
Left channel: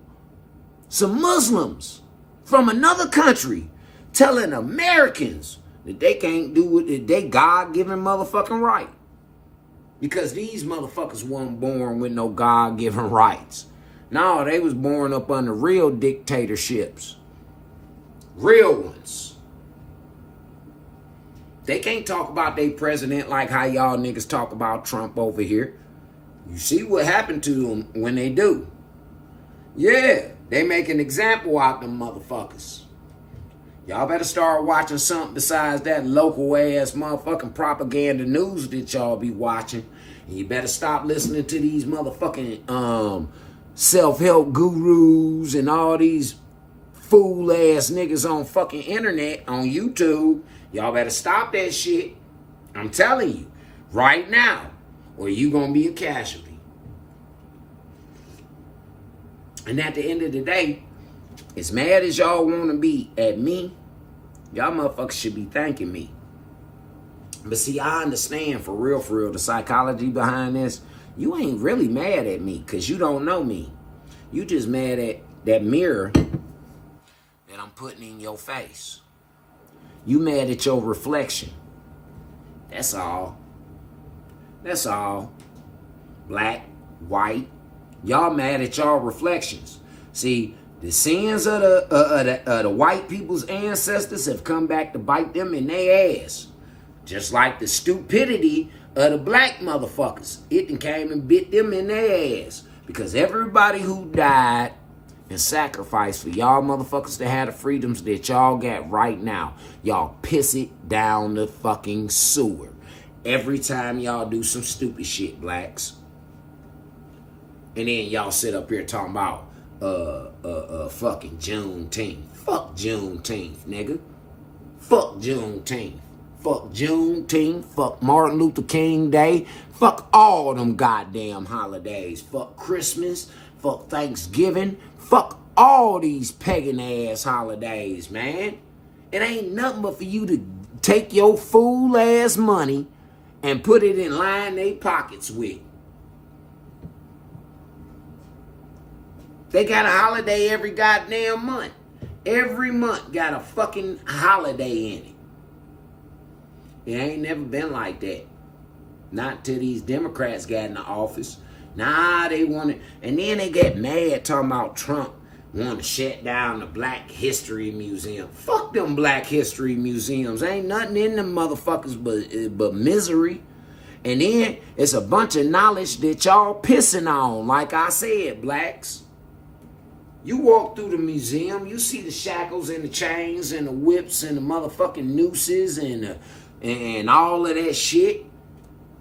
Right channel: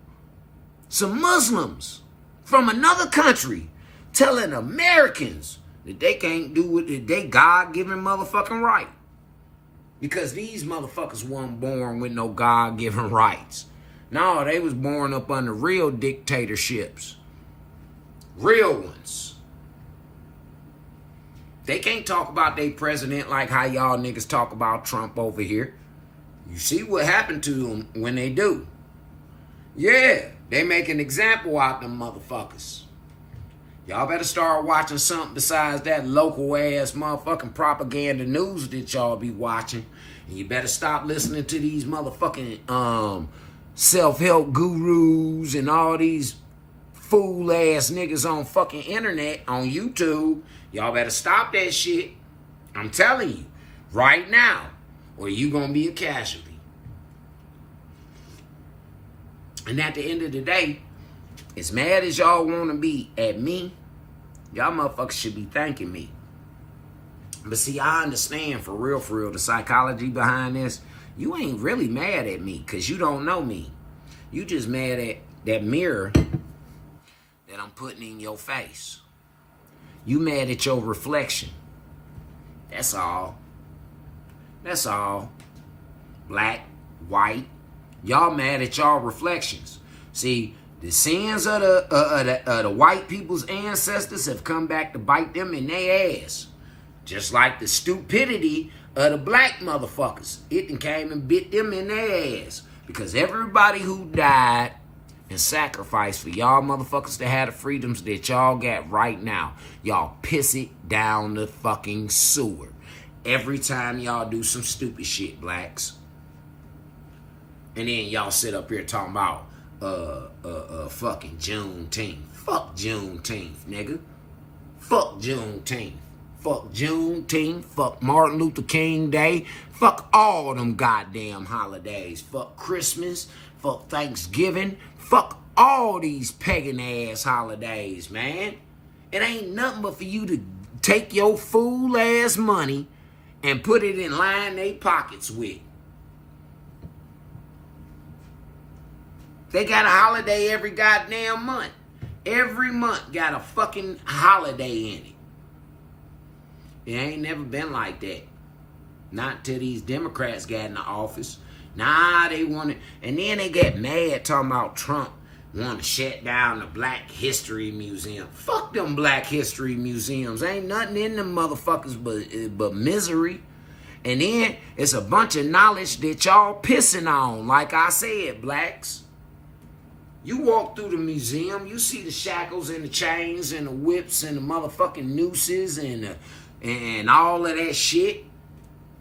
some Muslims from another country, telling Americans that they can't do it, they God-given motherfucking right. Because these motherfuckers weren't born with no God-given rights. No, they was born up under real dictatorships. Real ones. They can't talk about their president like how y'all niggas talk about Trump over here. You see what happened to them when they do. Yeah, they make an example out of them motherfuckers. Y'all better start watching something besides that local ass motherfucking propaganda news that y'all be watching. And you better stop listening to these motherfucking self-help gurus and all these fool ass niggas on fucking internet, on YouTube. Y'all better stop that shit. I'm telling you, right now, or you gonna be a casualty. And at the end of the day, as mad as y'all wanna be at me, y'all motherfuckers should be thanking me. But see, I understand for real, the psychology behind this. You ain't really mad at me because you don't know me. You just mad at that mirror that I'm putting in your face. You mad at your reflection. That's all. That's all. Black, white. Y'all mad at y'all reflections. See, the sins of the white people's ancestors have come back to bite them in their ass. Just like the stupidity of the black motherfuckers. It done came and bit them in their ass. Because everybody who died and sacrificed for y'all motherfuckers to have the freedoms that y'all got right now, y'all piss it down the fucking sewer. Every time y'all do some stupid shit, blacks. And then y'all sit up here talking about fucking Juneteenth. Fuck Juneteenth, nigga. Fuck Juneteenth. Fuck Juneteenth. Fuck Martin Luther King Day. Fuck all them goddamn holidays. Fuck Christmas. Fuck Thanksgiving. Fuck all these pagan ass holidays, man. It ain't nothing but for you to take your fool ass money and put it in line they pockets with. They got a holiday every goddamn month. Every month got a fucking holiday in it. It ain't never been like that. Not till these Democrats got in the office. Nah, they wanted, and then they get mad talking about Trump wanting to shut down the Black History Museum. Fuck them Black History Museums. Ain't nothing in them motherfuckers but misery. And then it's a bunch of knowledge that y'all pissing on. Like I said, blacks. You walk through the museum, you see the shackles and the chains and the whips and the motherfucking nooses and all of that shit.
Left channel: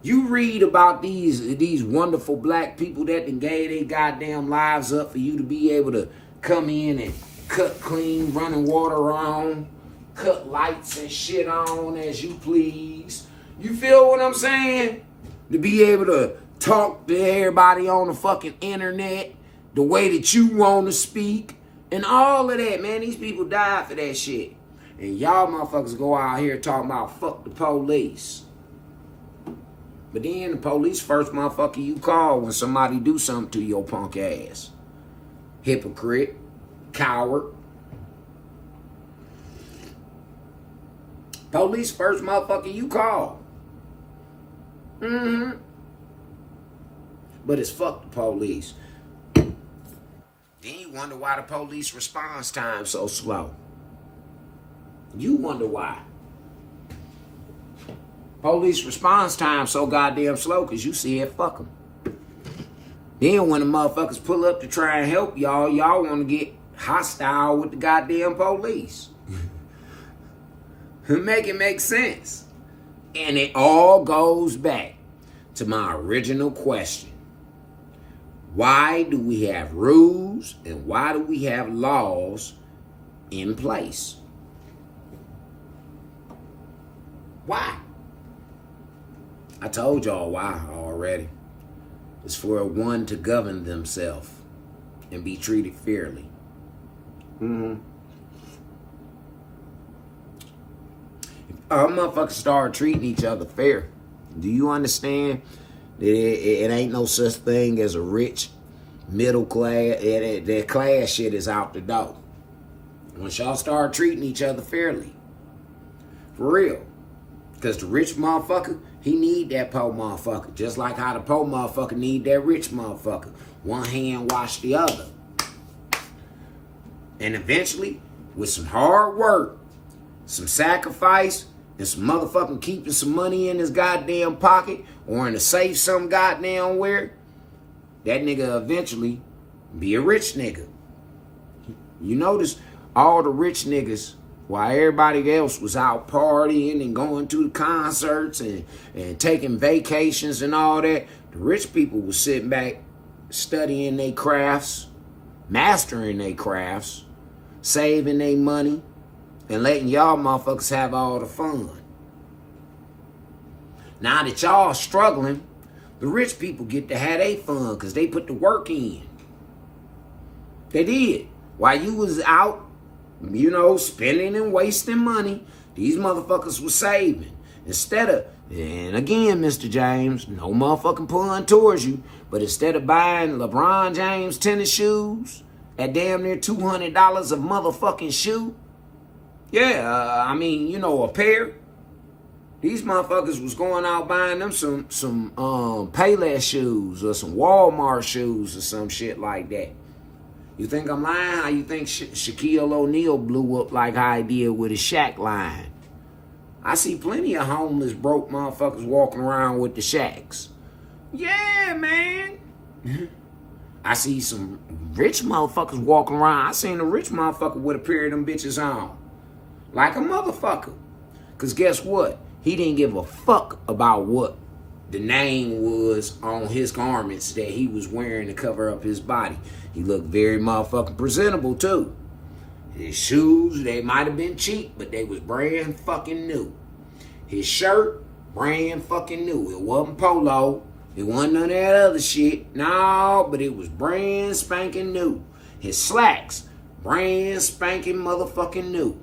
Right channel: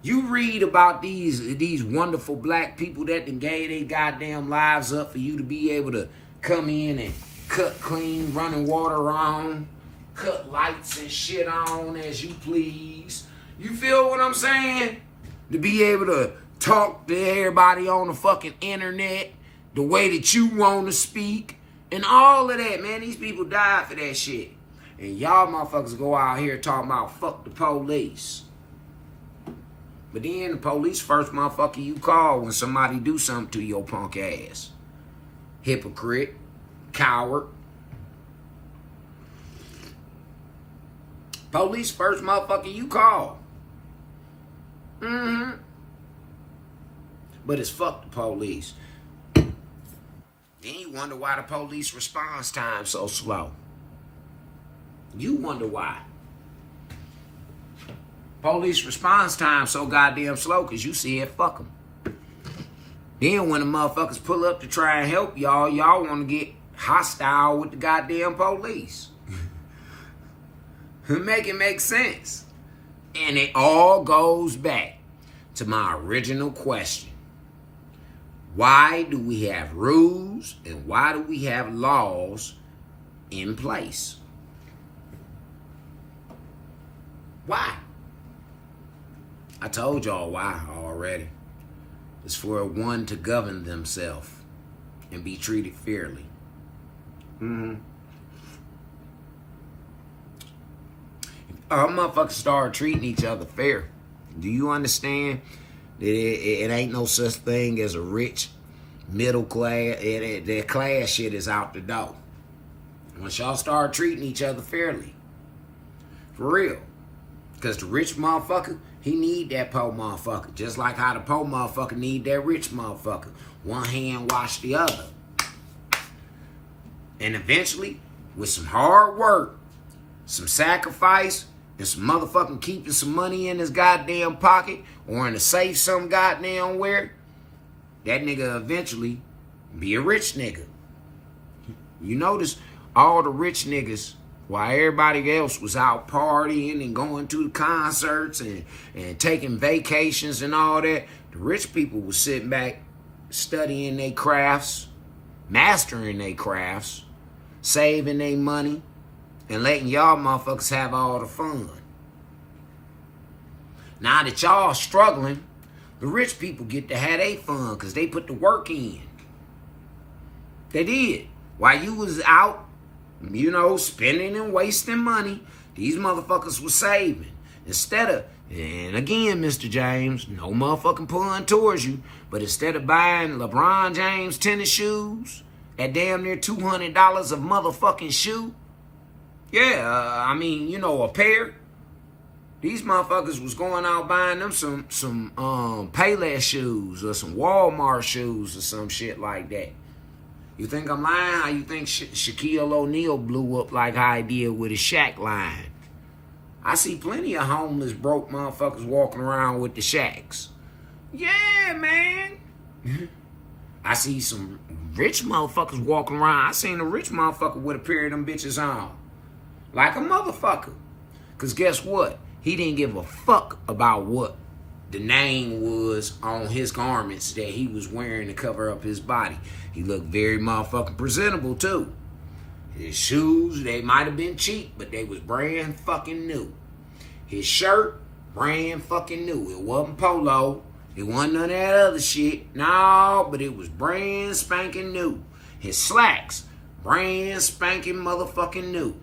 You read about these wonderful black people that done gave their goddamn lives up for you to be able to come in and cut clean, running water on, cut lights and shit on as you please. You feel what I'm saying? To be able to talk to everybody on the fucking internet the way that you want to speak and all of that, man. These people died for that shit. And y'all motherfuckers go out here talking about fuck the police. But then the police first motherfucker you call when somebody do something to your punk ass. Hypocrite. Coward. Police first motherfucker you call. But it's fuck the police. Then you wonder why the police response time so slow. You wonder why. Police response time so goddamn slow because you said fuck them. Then when the motherfuckers pull up to try and help y'all, y'all want to get hostile with the goddamn police. Make it make sense. And it all goes back to my original question. Why do we have rules and why do we have laws in place? Why? I told y'all why already. It's for one to govern themselves and be treated fairly. Our motherfuckers start treating each other fair. Do you understand that it ain't no such thing as a rich middle class? That class shit is out the door. Once y'all start treating each other fairly. For real. Because the rich motherfucker, he need that poor motherfucker. Just like how the poor motherfucker need that rich motherfucker. One hand wash the other. And eventually, with some hard work, some sacrifice, and some motherfucking keeping some money in his goddamn pocket or in a safe some goddamn where, that nigga eventually be a rich nigga. You notice all the rich niggas, while everybody else was out partying and going to the concerts and taking vacations and all that, the rich people was sitting back studying their crafts, mastering their crafts, saving their money, and letting y'all motherfuckers have all the fun. Now that y'all struggling, the rich people get to have their fun because they put the work in. They did. While you was out, spending and wasting money, these motherfuckers was saving. Instead of, and again, Mr. James, no motherfucking pulling towards you, but instead of buying LeBron James tennis shoes at damn near $200 a motherfucking shoe, a pair, these motherfuckers was going out buying them some Payless shoes or some Walmart shoes or some shit like that. You think I'm lying? How you think Shaquille O'Neal blew up like how he did with his Shaq line? I see plenty of homeless, broke motherfuckers walking around with the Shaqs. Yeah, man. I see some rich motherfuckers walking around. I seen a rich motherfucker with a pair of them bitches on. Like a motherfucker. Because guess what? He didn't give a fuck about what the name was on his garments that he was wearing to cover up his body. He looked very motherfucking presentable too. His shoes, they might have been cheap, but they was brand fucking new. His shirt, brand fucking new. It wasn't polo. It wasn't none of that other shit. No, but it was brand spanking new. His slacks, brand spanking motherfucking new.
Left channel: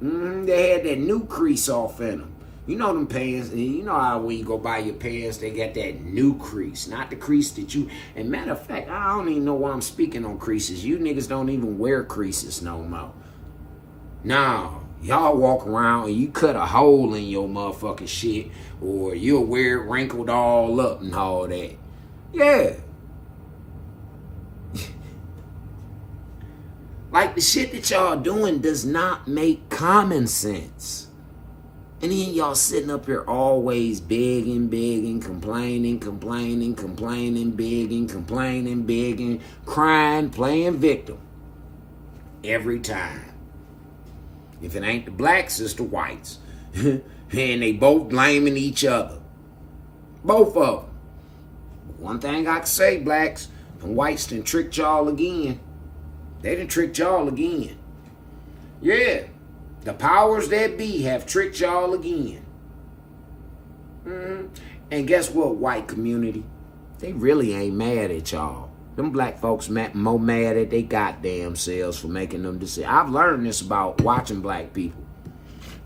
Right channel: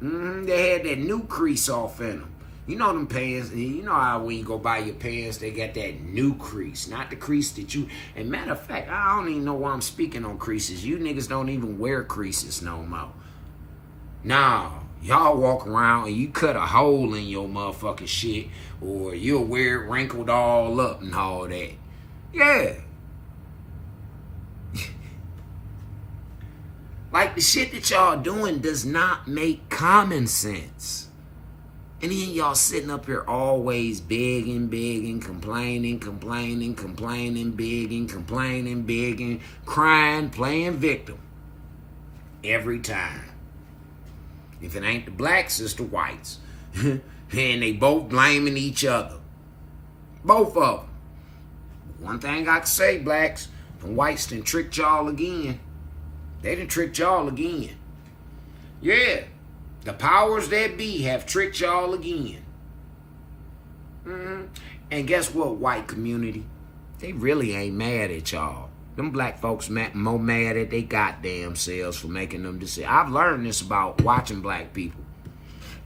They had that new crease off in them. You know them pants, you know how when you go buy your pants, they got that new crease, not the crease that you, and matter of fact, I don't even know why I'm speaking on creases. You niggas don't even wear creases no more. Nah, y'all walk around and you cut a hole in your motherfucking shit, or you'll wear it wrinkled all up and all that. Yeah. Like the shit that y'all doing does not make common sense. And then y'all sitting up here always begging, complaining, begging, crying, playing victim. Every time. If it ain't the blacks, it's the whites. And they both blaming each other. Both of them. One thing I can say, blacks, the whites done tricked y'all again. They done tricked y'all again. Yeah. The powers that be have tricked y'all again. And guess what, white community? They really ain't mad at y'all. Them black folks more mad at they goddamn selves for making them decisions. I've learned this about watching black people.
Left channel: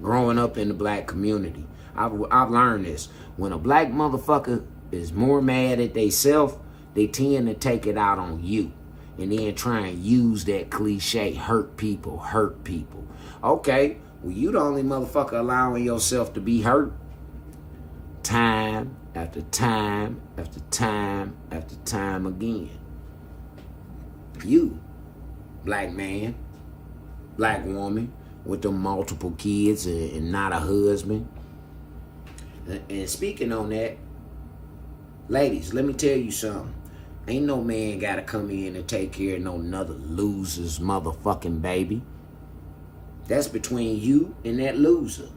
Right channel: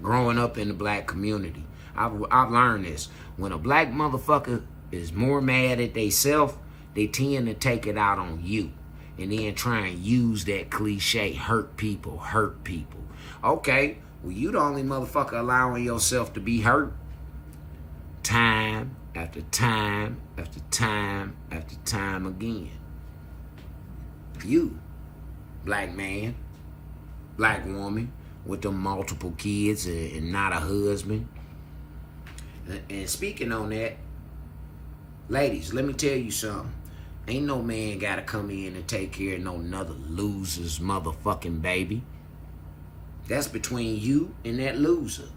Growing up in the black community. I've learned this. When a black motherfucker is more mad at theyself, they tend to take it out on you. And then try and use that cliche, hurt people. Okay, well, you the only motherfucker allowing yourself to be hurt. Time after time after time after time again. You. Black man, black woman with them multiple kids and not a husband. And speaking on that, ladies, let me tell you something. Ain't no man gotta come in and take care of no another loser's motherfucking baby. That's between you and that loser.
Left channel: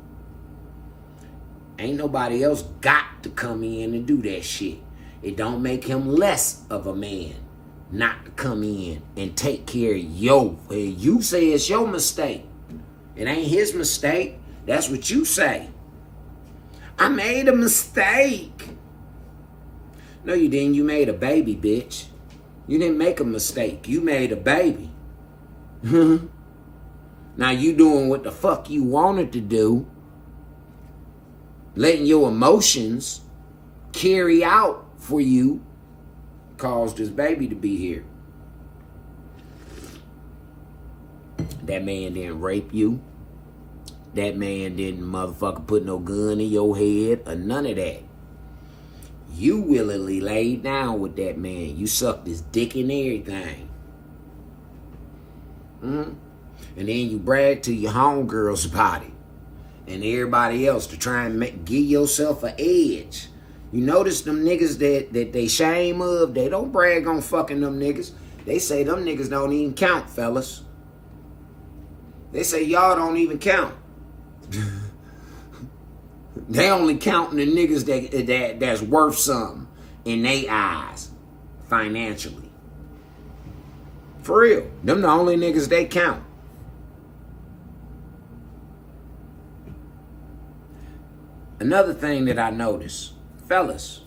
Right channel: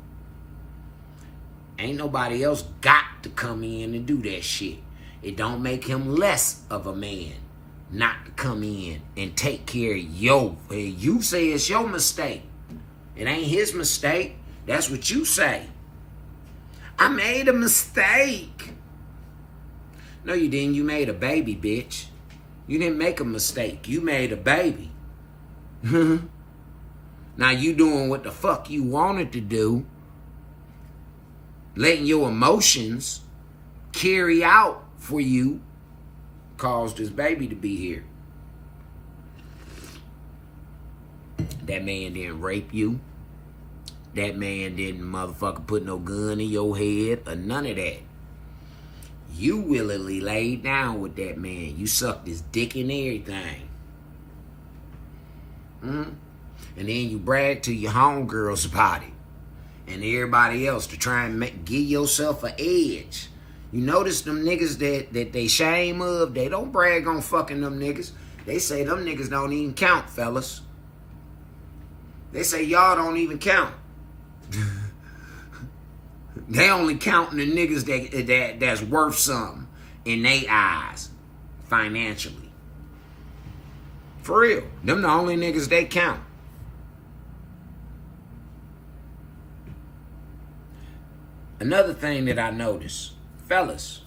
Ain't nobody else got to come in and do that shit. It don't make him less of a man not to come in and take care of you say it's your mistake. It ain't his mistake. That's what you say. I made a mistake. No, you didn't. You made a baby, bitch. You didn't make a mistake. You made a baby. Now you doing what the fuck you wanted to do. Letting your emotions carry out for you caused this baby to be here. That man didn't rape you. That man didn't motherfucker put no gun in your head or none of that. You willingly laid down with that man. You sucked his dick and everything. And then you brag to your homegirls about it. And everybody else to try and give yourself an edge. You notice them niggas that they shame of, they don't brag on fucking them niggas. They say them niggas don't even count, fellas. They say y'all don't even count. They only counting the niggas that's worth something in their eyes financially. For real. Them the only niggas they count. Another thing that I noticed, fellas,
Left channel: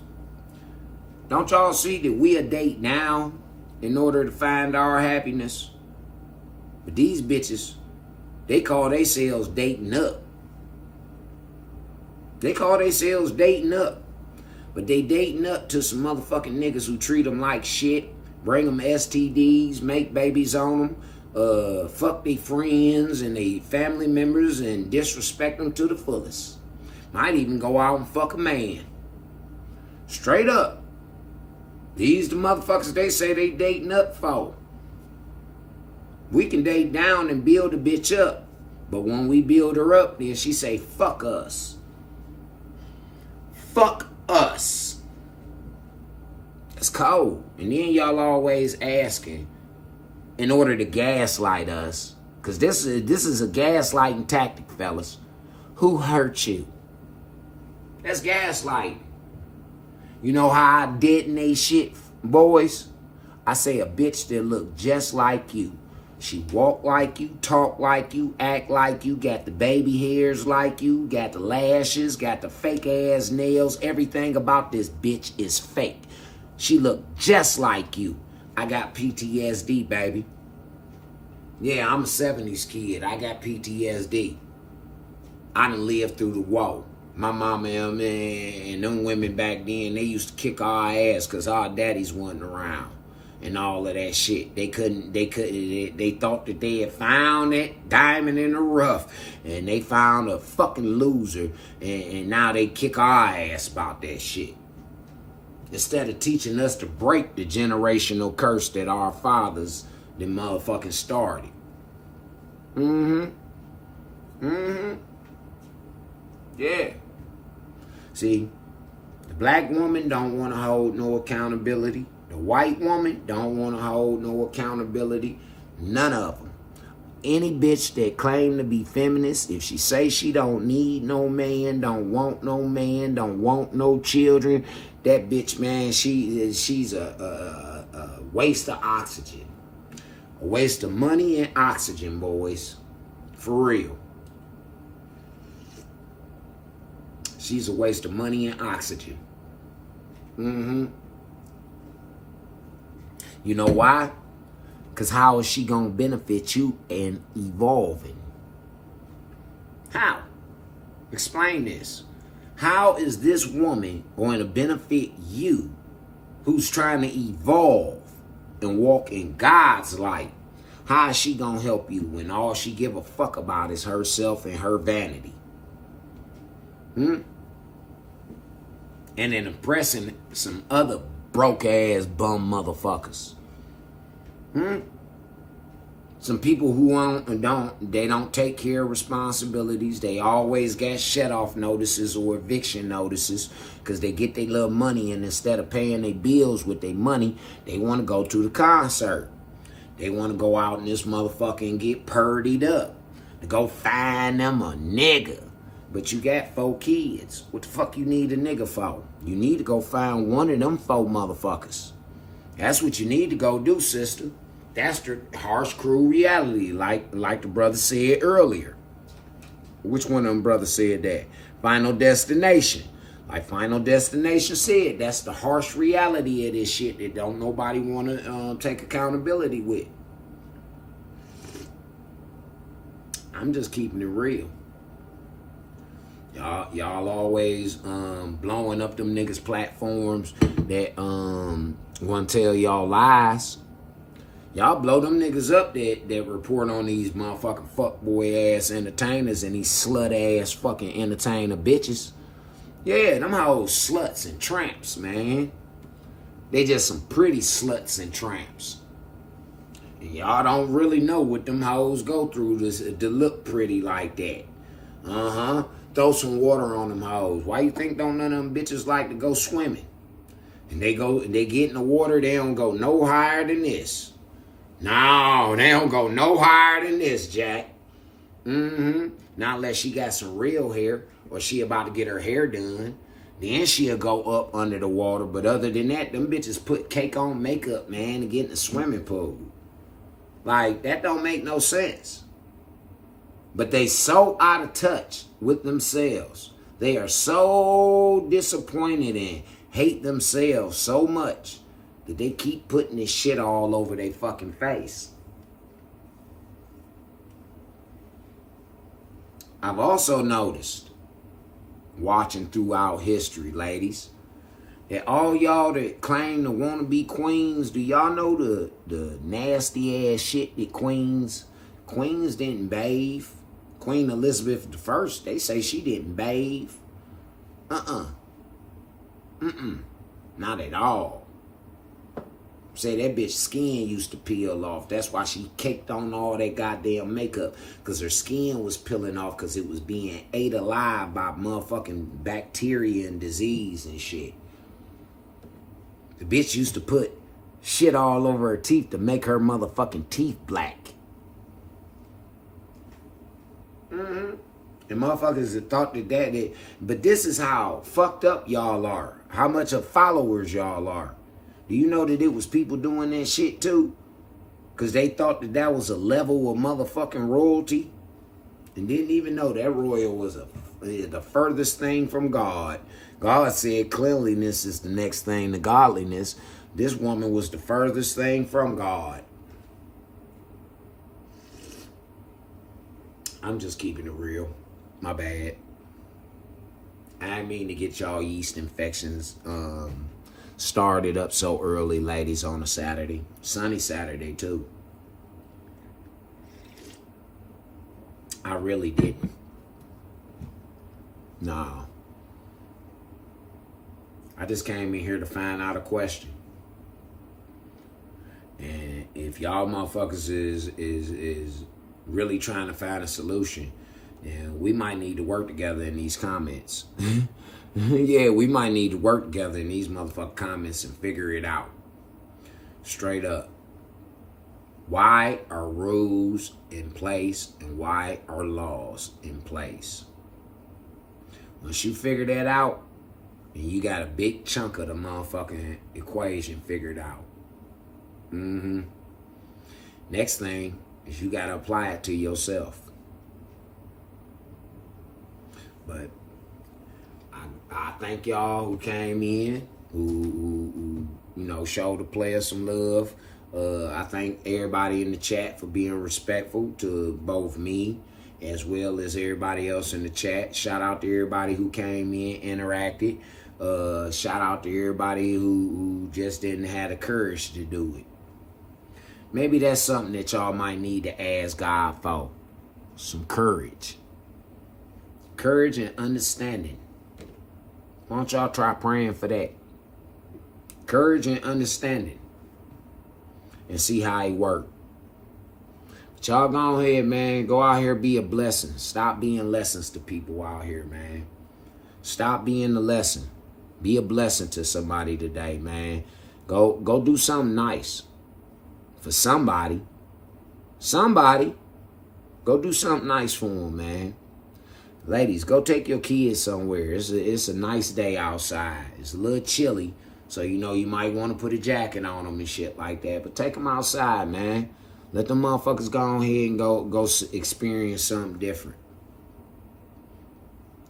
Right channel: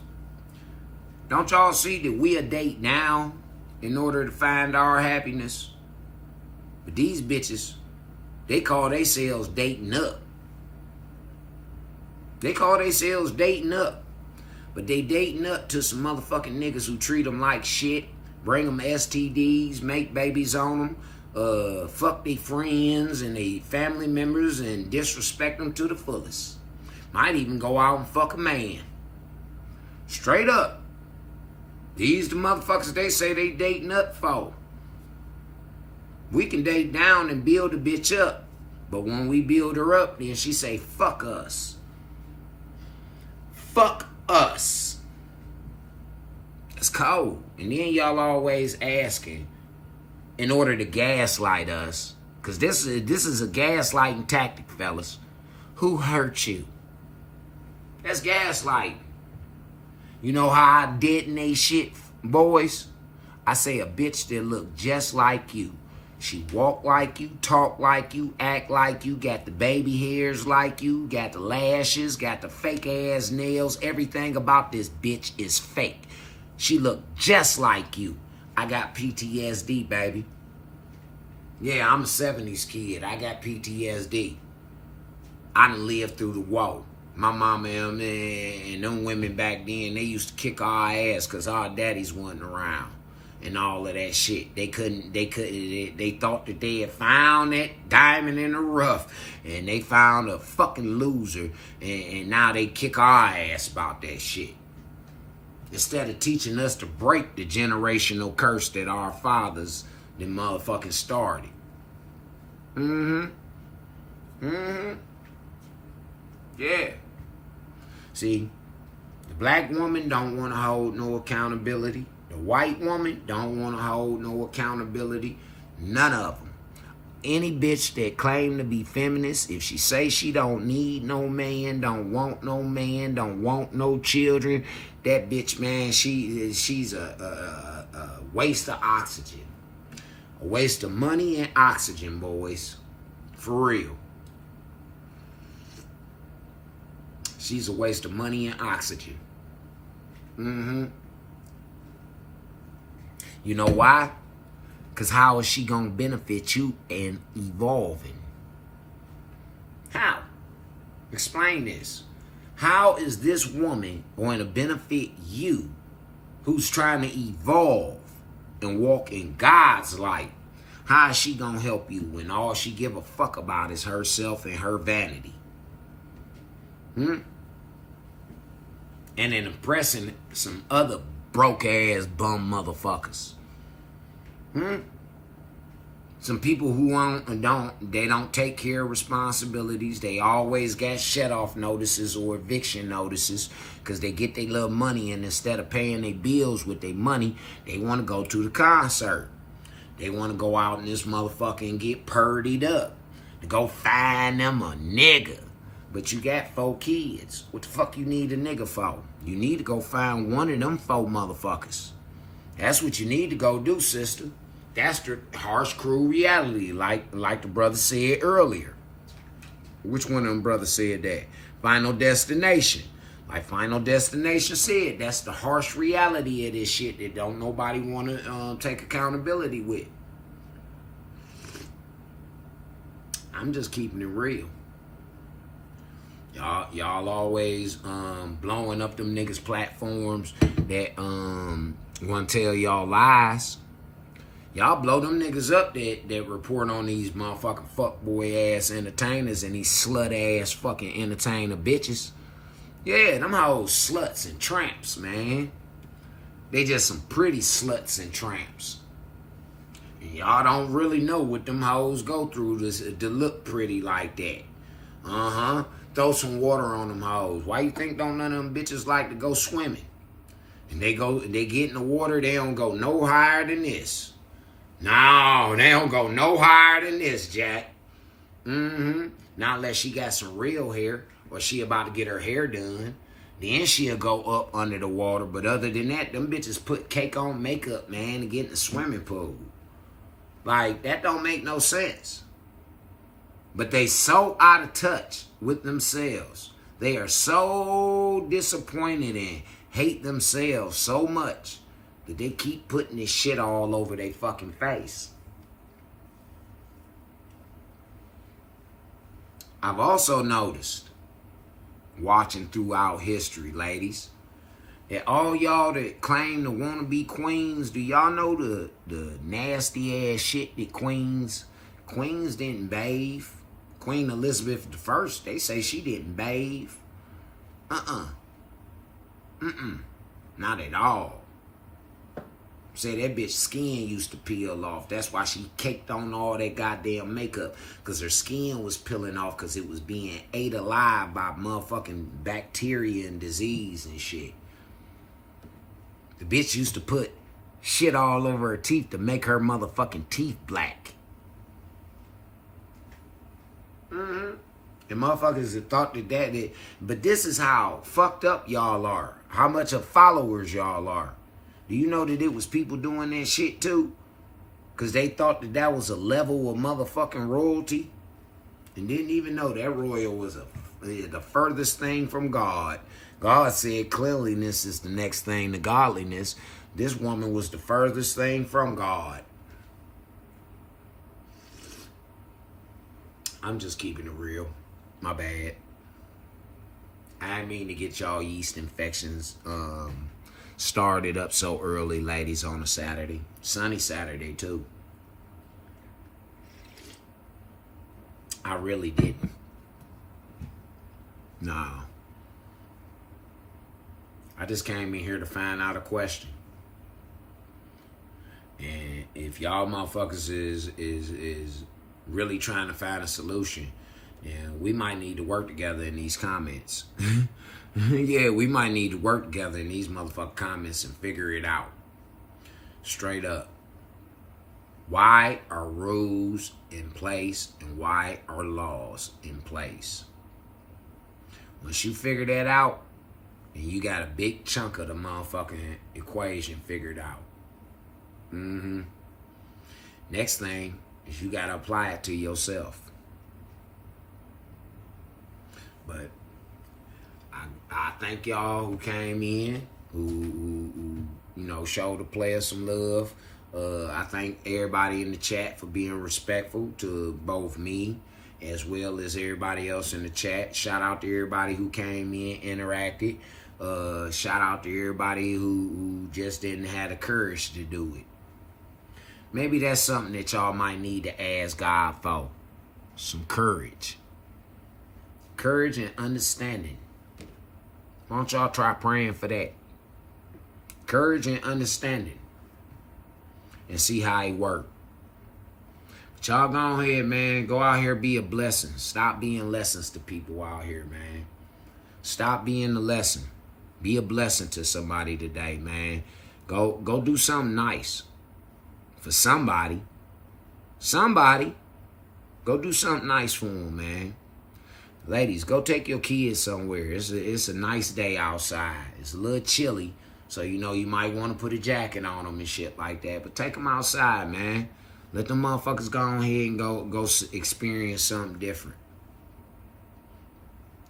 don't y'all see that we a date now in order to find our happiness? But these bitches, they call themselves dating up. They call themselves dating up. But they dating up to some motherfucking niggas who treat them like shit, bring them STDs, make babies on them, fuck their friends and their family members and disrespect them to the fullest. Might even go out and fuck a man. Straight up. These the motherfuckers they say they dating up for. We can date down and build a bitch up. But when we build her up, then she say, fuck us. Fuck us. It's cold. And then y'all always asking in order to gaslight us. Because this is a gaslighting tactic, fellas. Who hurt you? That's gaslighting. You know how I detonate shit, boys? I say a bitch that look just like you. She walk like you, talk like you, act like you, got the baby hairs like you, got the lashes, got the fake ass nails. Everything about this bitch is fake. She look just like you. I got PTSD, baby. Yeah, I'm a 70s kid. I got PTSD. I done lived through the war. My mama and them women back then, they used to kick our ass because our daddies wasn't around and all of that shit. They thought that they had found that diamond in the rough and they found a fucking loser and now they kick our ass about that shit. Instead of teaching us to break the generational curse that our fathers, them motherfucking started. Yeah. See, the black woman don't want to hold no accountability. The white woman don't want to hold no accountability. None of them. Any bitch that claim to be feminist, if she say she don't need no man, don't want no children, that bitch, man, she's a waste of oxygen. A waste of money and oxygen, boys. For real. She's a waste of money and oxygen. You know why? Because how is she going to benefit you in evolving? How? Explain this. How is this woman going to benefit you who's trying to evolve and walk in God's light? How is she going to help you when all she give a fuck about is herself and her vanity? And then impressing some other broke ass bum motherfuckers. Some people who don't take care of responsibilities. They always got shut-off notices or eviction notices because they get their little money, and instead of paying their bills with their money, they want to go to the concert. They want to go out in this motherfucker and get purdied up. To go find them a nigga. But you got 4 kids. What the fuck you need a nigga for? You need to go find one of them 4 motherfuckers. That's what you need to go do, sister. That's the harsh, cruel reality, like the brother said earlier. Which one of them brothers said that? Final Destination. Like Final Destination said, that's the harsh reality of this shit that don't nobody want to take accountability with. I'm just keeping it real. Y'all always blowing up them niggas' platforms that want to tell y'all lies. Y'all blow them niggas up that report on these motherfucking fuckboy ass entertainers and these slut ass fucking entertainer bitches. Yeah, them hoes sluts and tramps, man. They just some pretty sluts and tramps. And y'all don't really know what them hoes go through to look pretty like that. Throw some water on them hoes. Why you think don't none of them bitches like to go swimming? And they get in the water, they don't go no higher than this. No, they don't go no higher than this, Jack. Not unless she got some real hair or she about to get her hair done. Then she'll go up under the water. But other than that, them bitches put cake on makeup, man, to get in the swimming pool. Like, that don't make no sense. But they so out of touch with themselves. They are so disappointed and hate themselves so much that they keep putting this shit all over their fucking face. I've also noticed, watching throughout history, ladies, that all y'all that claim to want to be queens, do y'all know the nasty ass shit that queens didn't bathe? Queen Elizabeth I, they say she didn't bathe. Not at all. Say that bitch skin used to peel off. That's why she caked on all that goddamn makeup. Because her skin was peeling off because it was being ate alive by motherfucking bacteria and disease and shit. The bitch used to put shit all over her teeth to make her motherfucking teeth black. And motherfuckers have thought that. But this is how fucked up y'all are. How much of followers y'all are. Do you know that it was people doing that shit too? Because they thought that was a level of motherfucking royalty. And didn't even know that royal was the furthest thing from God. God said cleanliness is the next thing to godliness. This woman was the furthest thing from God. I'm just keeping it real. My bad. I didn't mean to get y'all yeast infections started up so early, ladies, on a Saturday. Sunny Saturday, too. I really didn't. No. I just came in here to find out a question. And if y'all motherfuckers is really trying to find a solution, and we might need to work together in these comments. Yeah, we might need to work together in these motherfucking comments and figure it out. Straight up. Why are rules in place and why are laws in place? Once you figure that out, and you got a big chunk of the motherfucking equation figured out. Next thing is you got to apply it to yourself. But I thank y'all who came in, who showed the players some love. I thank everybody in the chat for being respectful to both me as well as everybody else in the chat. Shout out to everybody who came in, interacted. Shout out to everybody who just didn't have the courage to do it. Maybe that's something that y'all might need to ask God for. Some courage. Courage and understanding. Why don't y'all try praying for that? Courage and understanding. And see how it works. But y'all go ahead, man. Go out here, be a blessing. Stop being lessons to people out here, man. Stop being the lesson. Be a blessing to somebody today, man. Go do something nice for somebody. Somebody. Go do something nice for them, man. Ladies, go take your kids somewhere. It's a nice day outside. It's a little chilly, so you know you might want to put a jacket on them and shit like that. But take them outside, man. Let them motherfuckers go on here and go experience something different.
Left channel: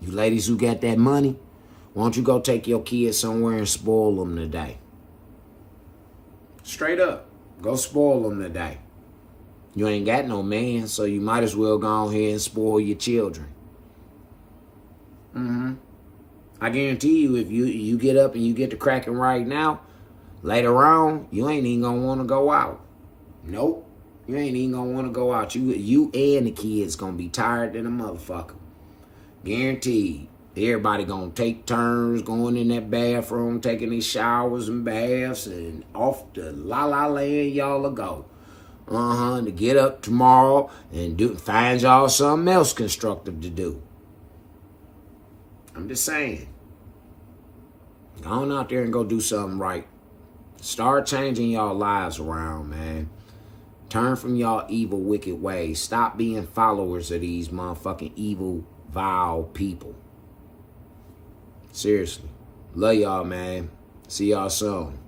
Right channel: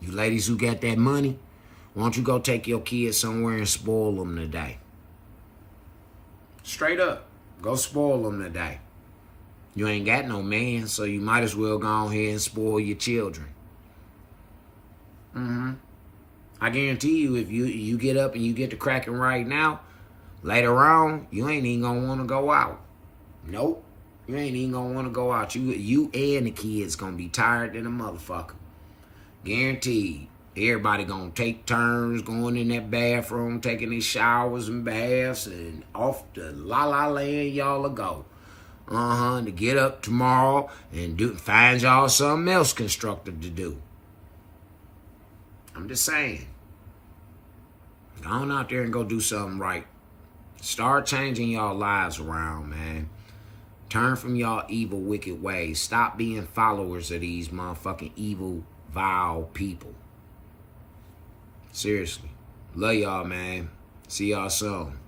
You ladies who got that money, why don't you go take your kids somewhere and spoil them today? Straight up. Go spoil them today. You ain't got no man, so you might as well go on here and spoil your children. I guarantee you, if you get up and you get to cracking right now, later on, you ain't even gonna want to go out. Nope. You ain't even gonna want to go out. You and the kids gonna be tired than a motherfucker. Guaranteed. Everybody gonna take turns going in that bathroom, taking their showers and baths, and off to la-la land y'all will go. To get up tomorrow and find y'all something else constructive to do. I'm just saying. Go on out there and go do something right. Start changing y'all lives around, man. Turn from y'all evil, wicked ways. Stop being followers of these motherfucking evil, vile people. Seriously. Love y'all, man. See y'all soon.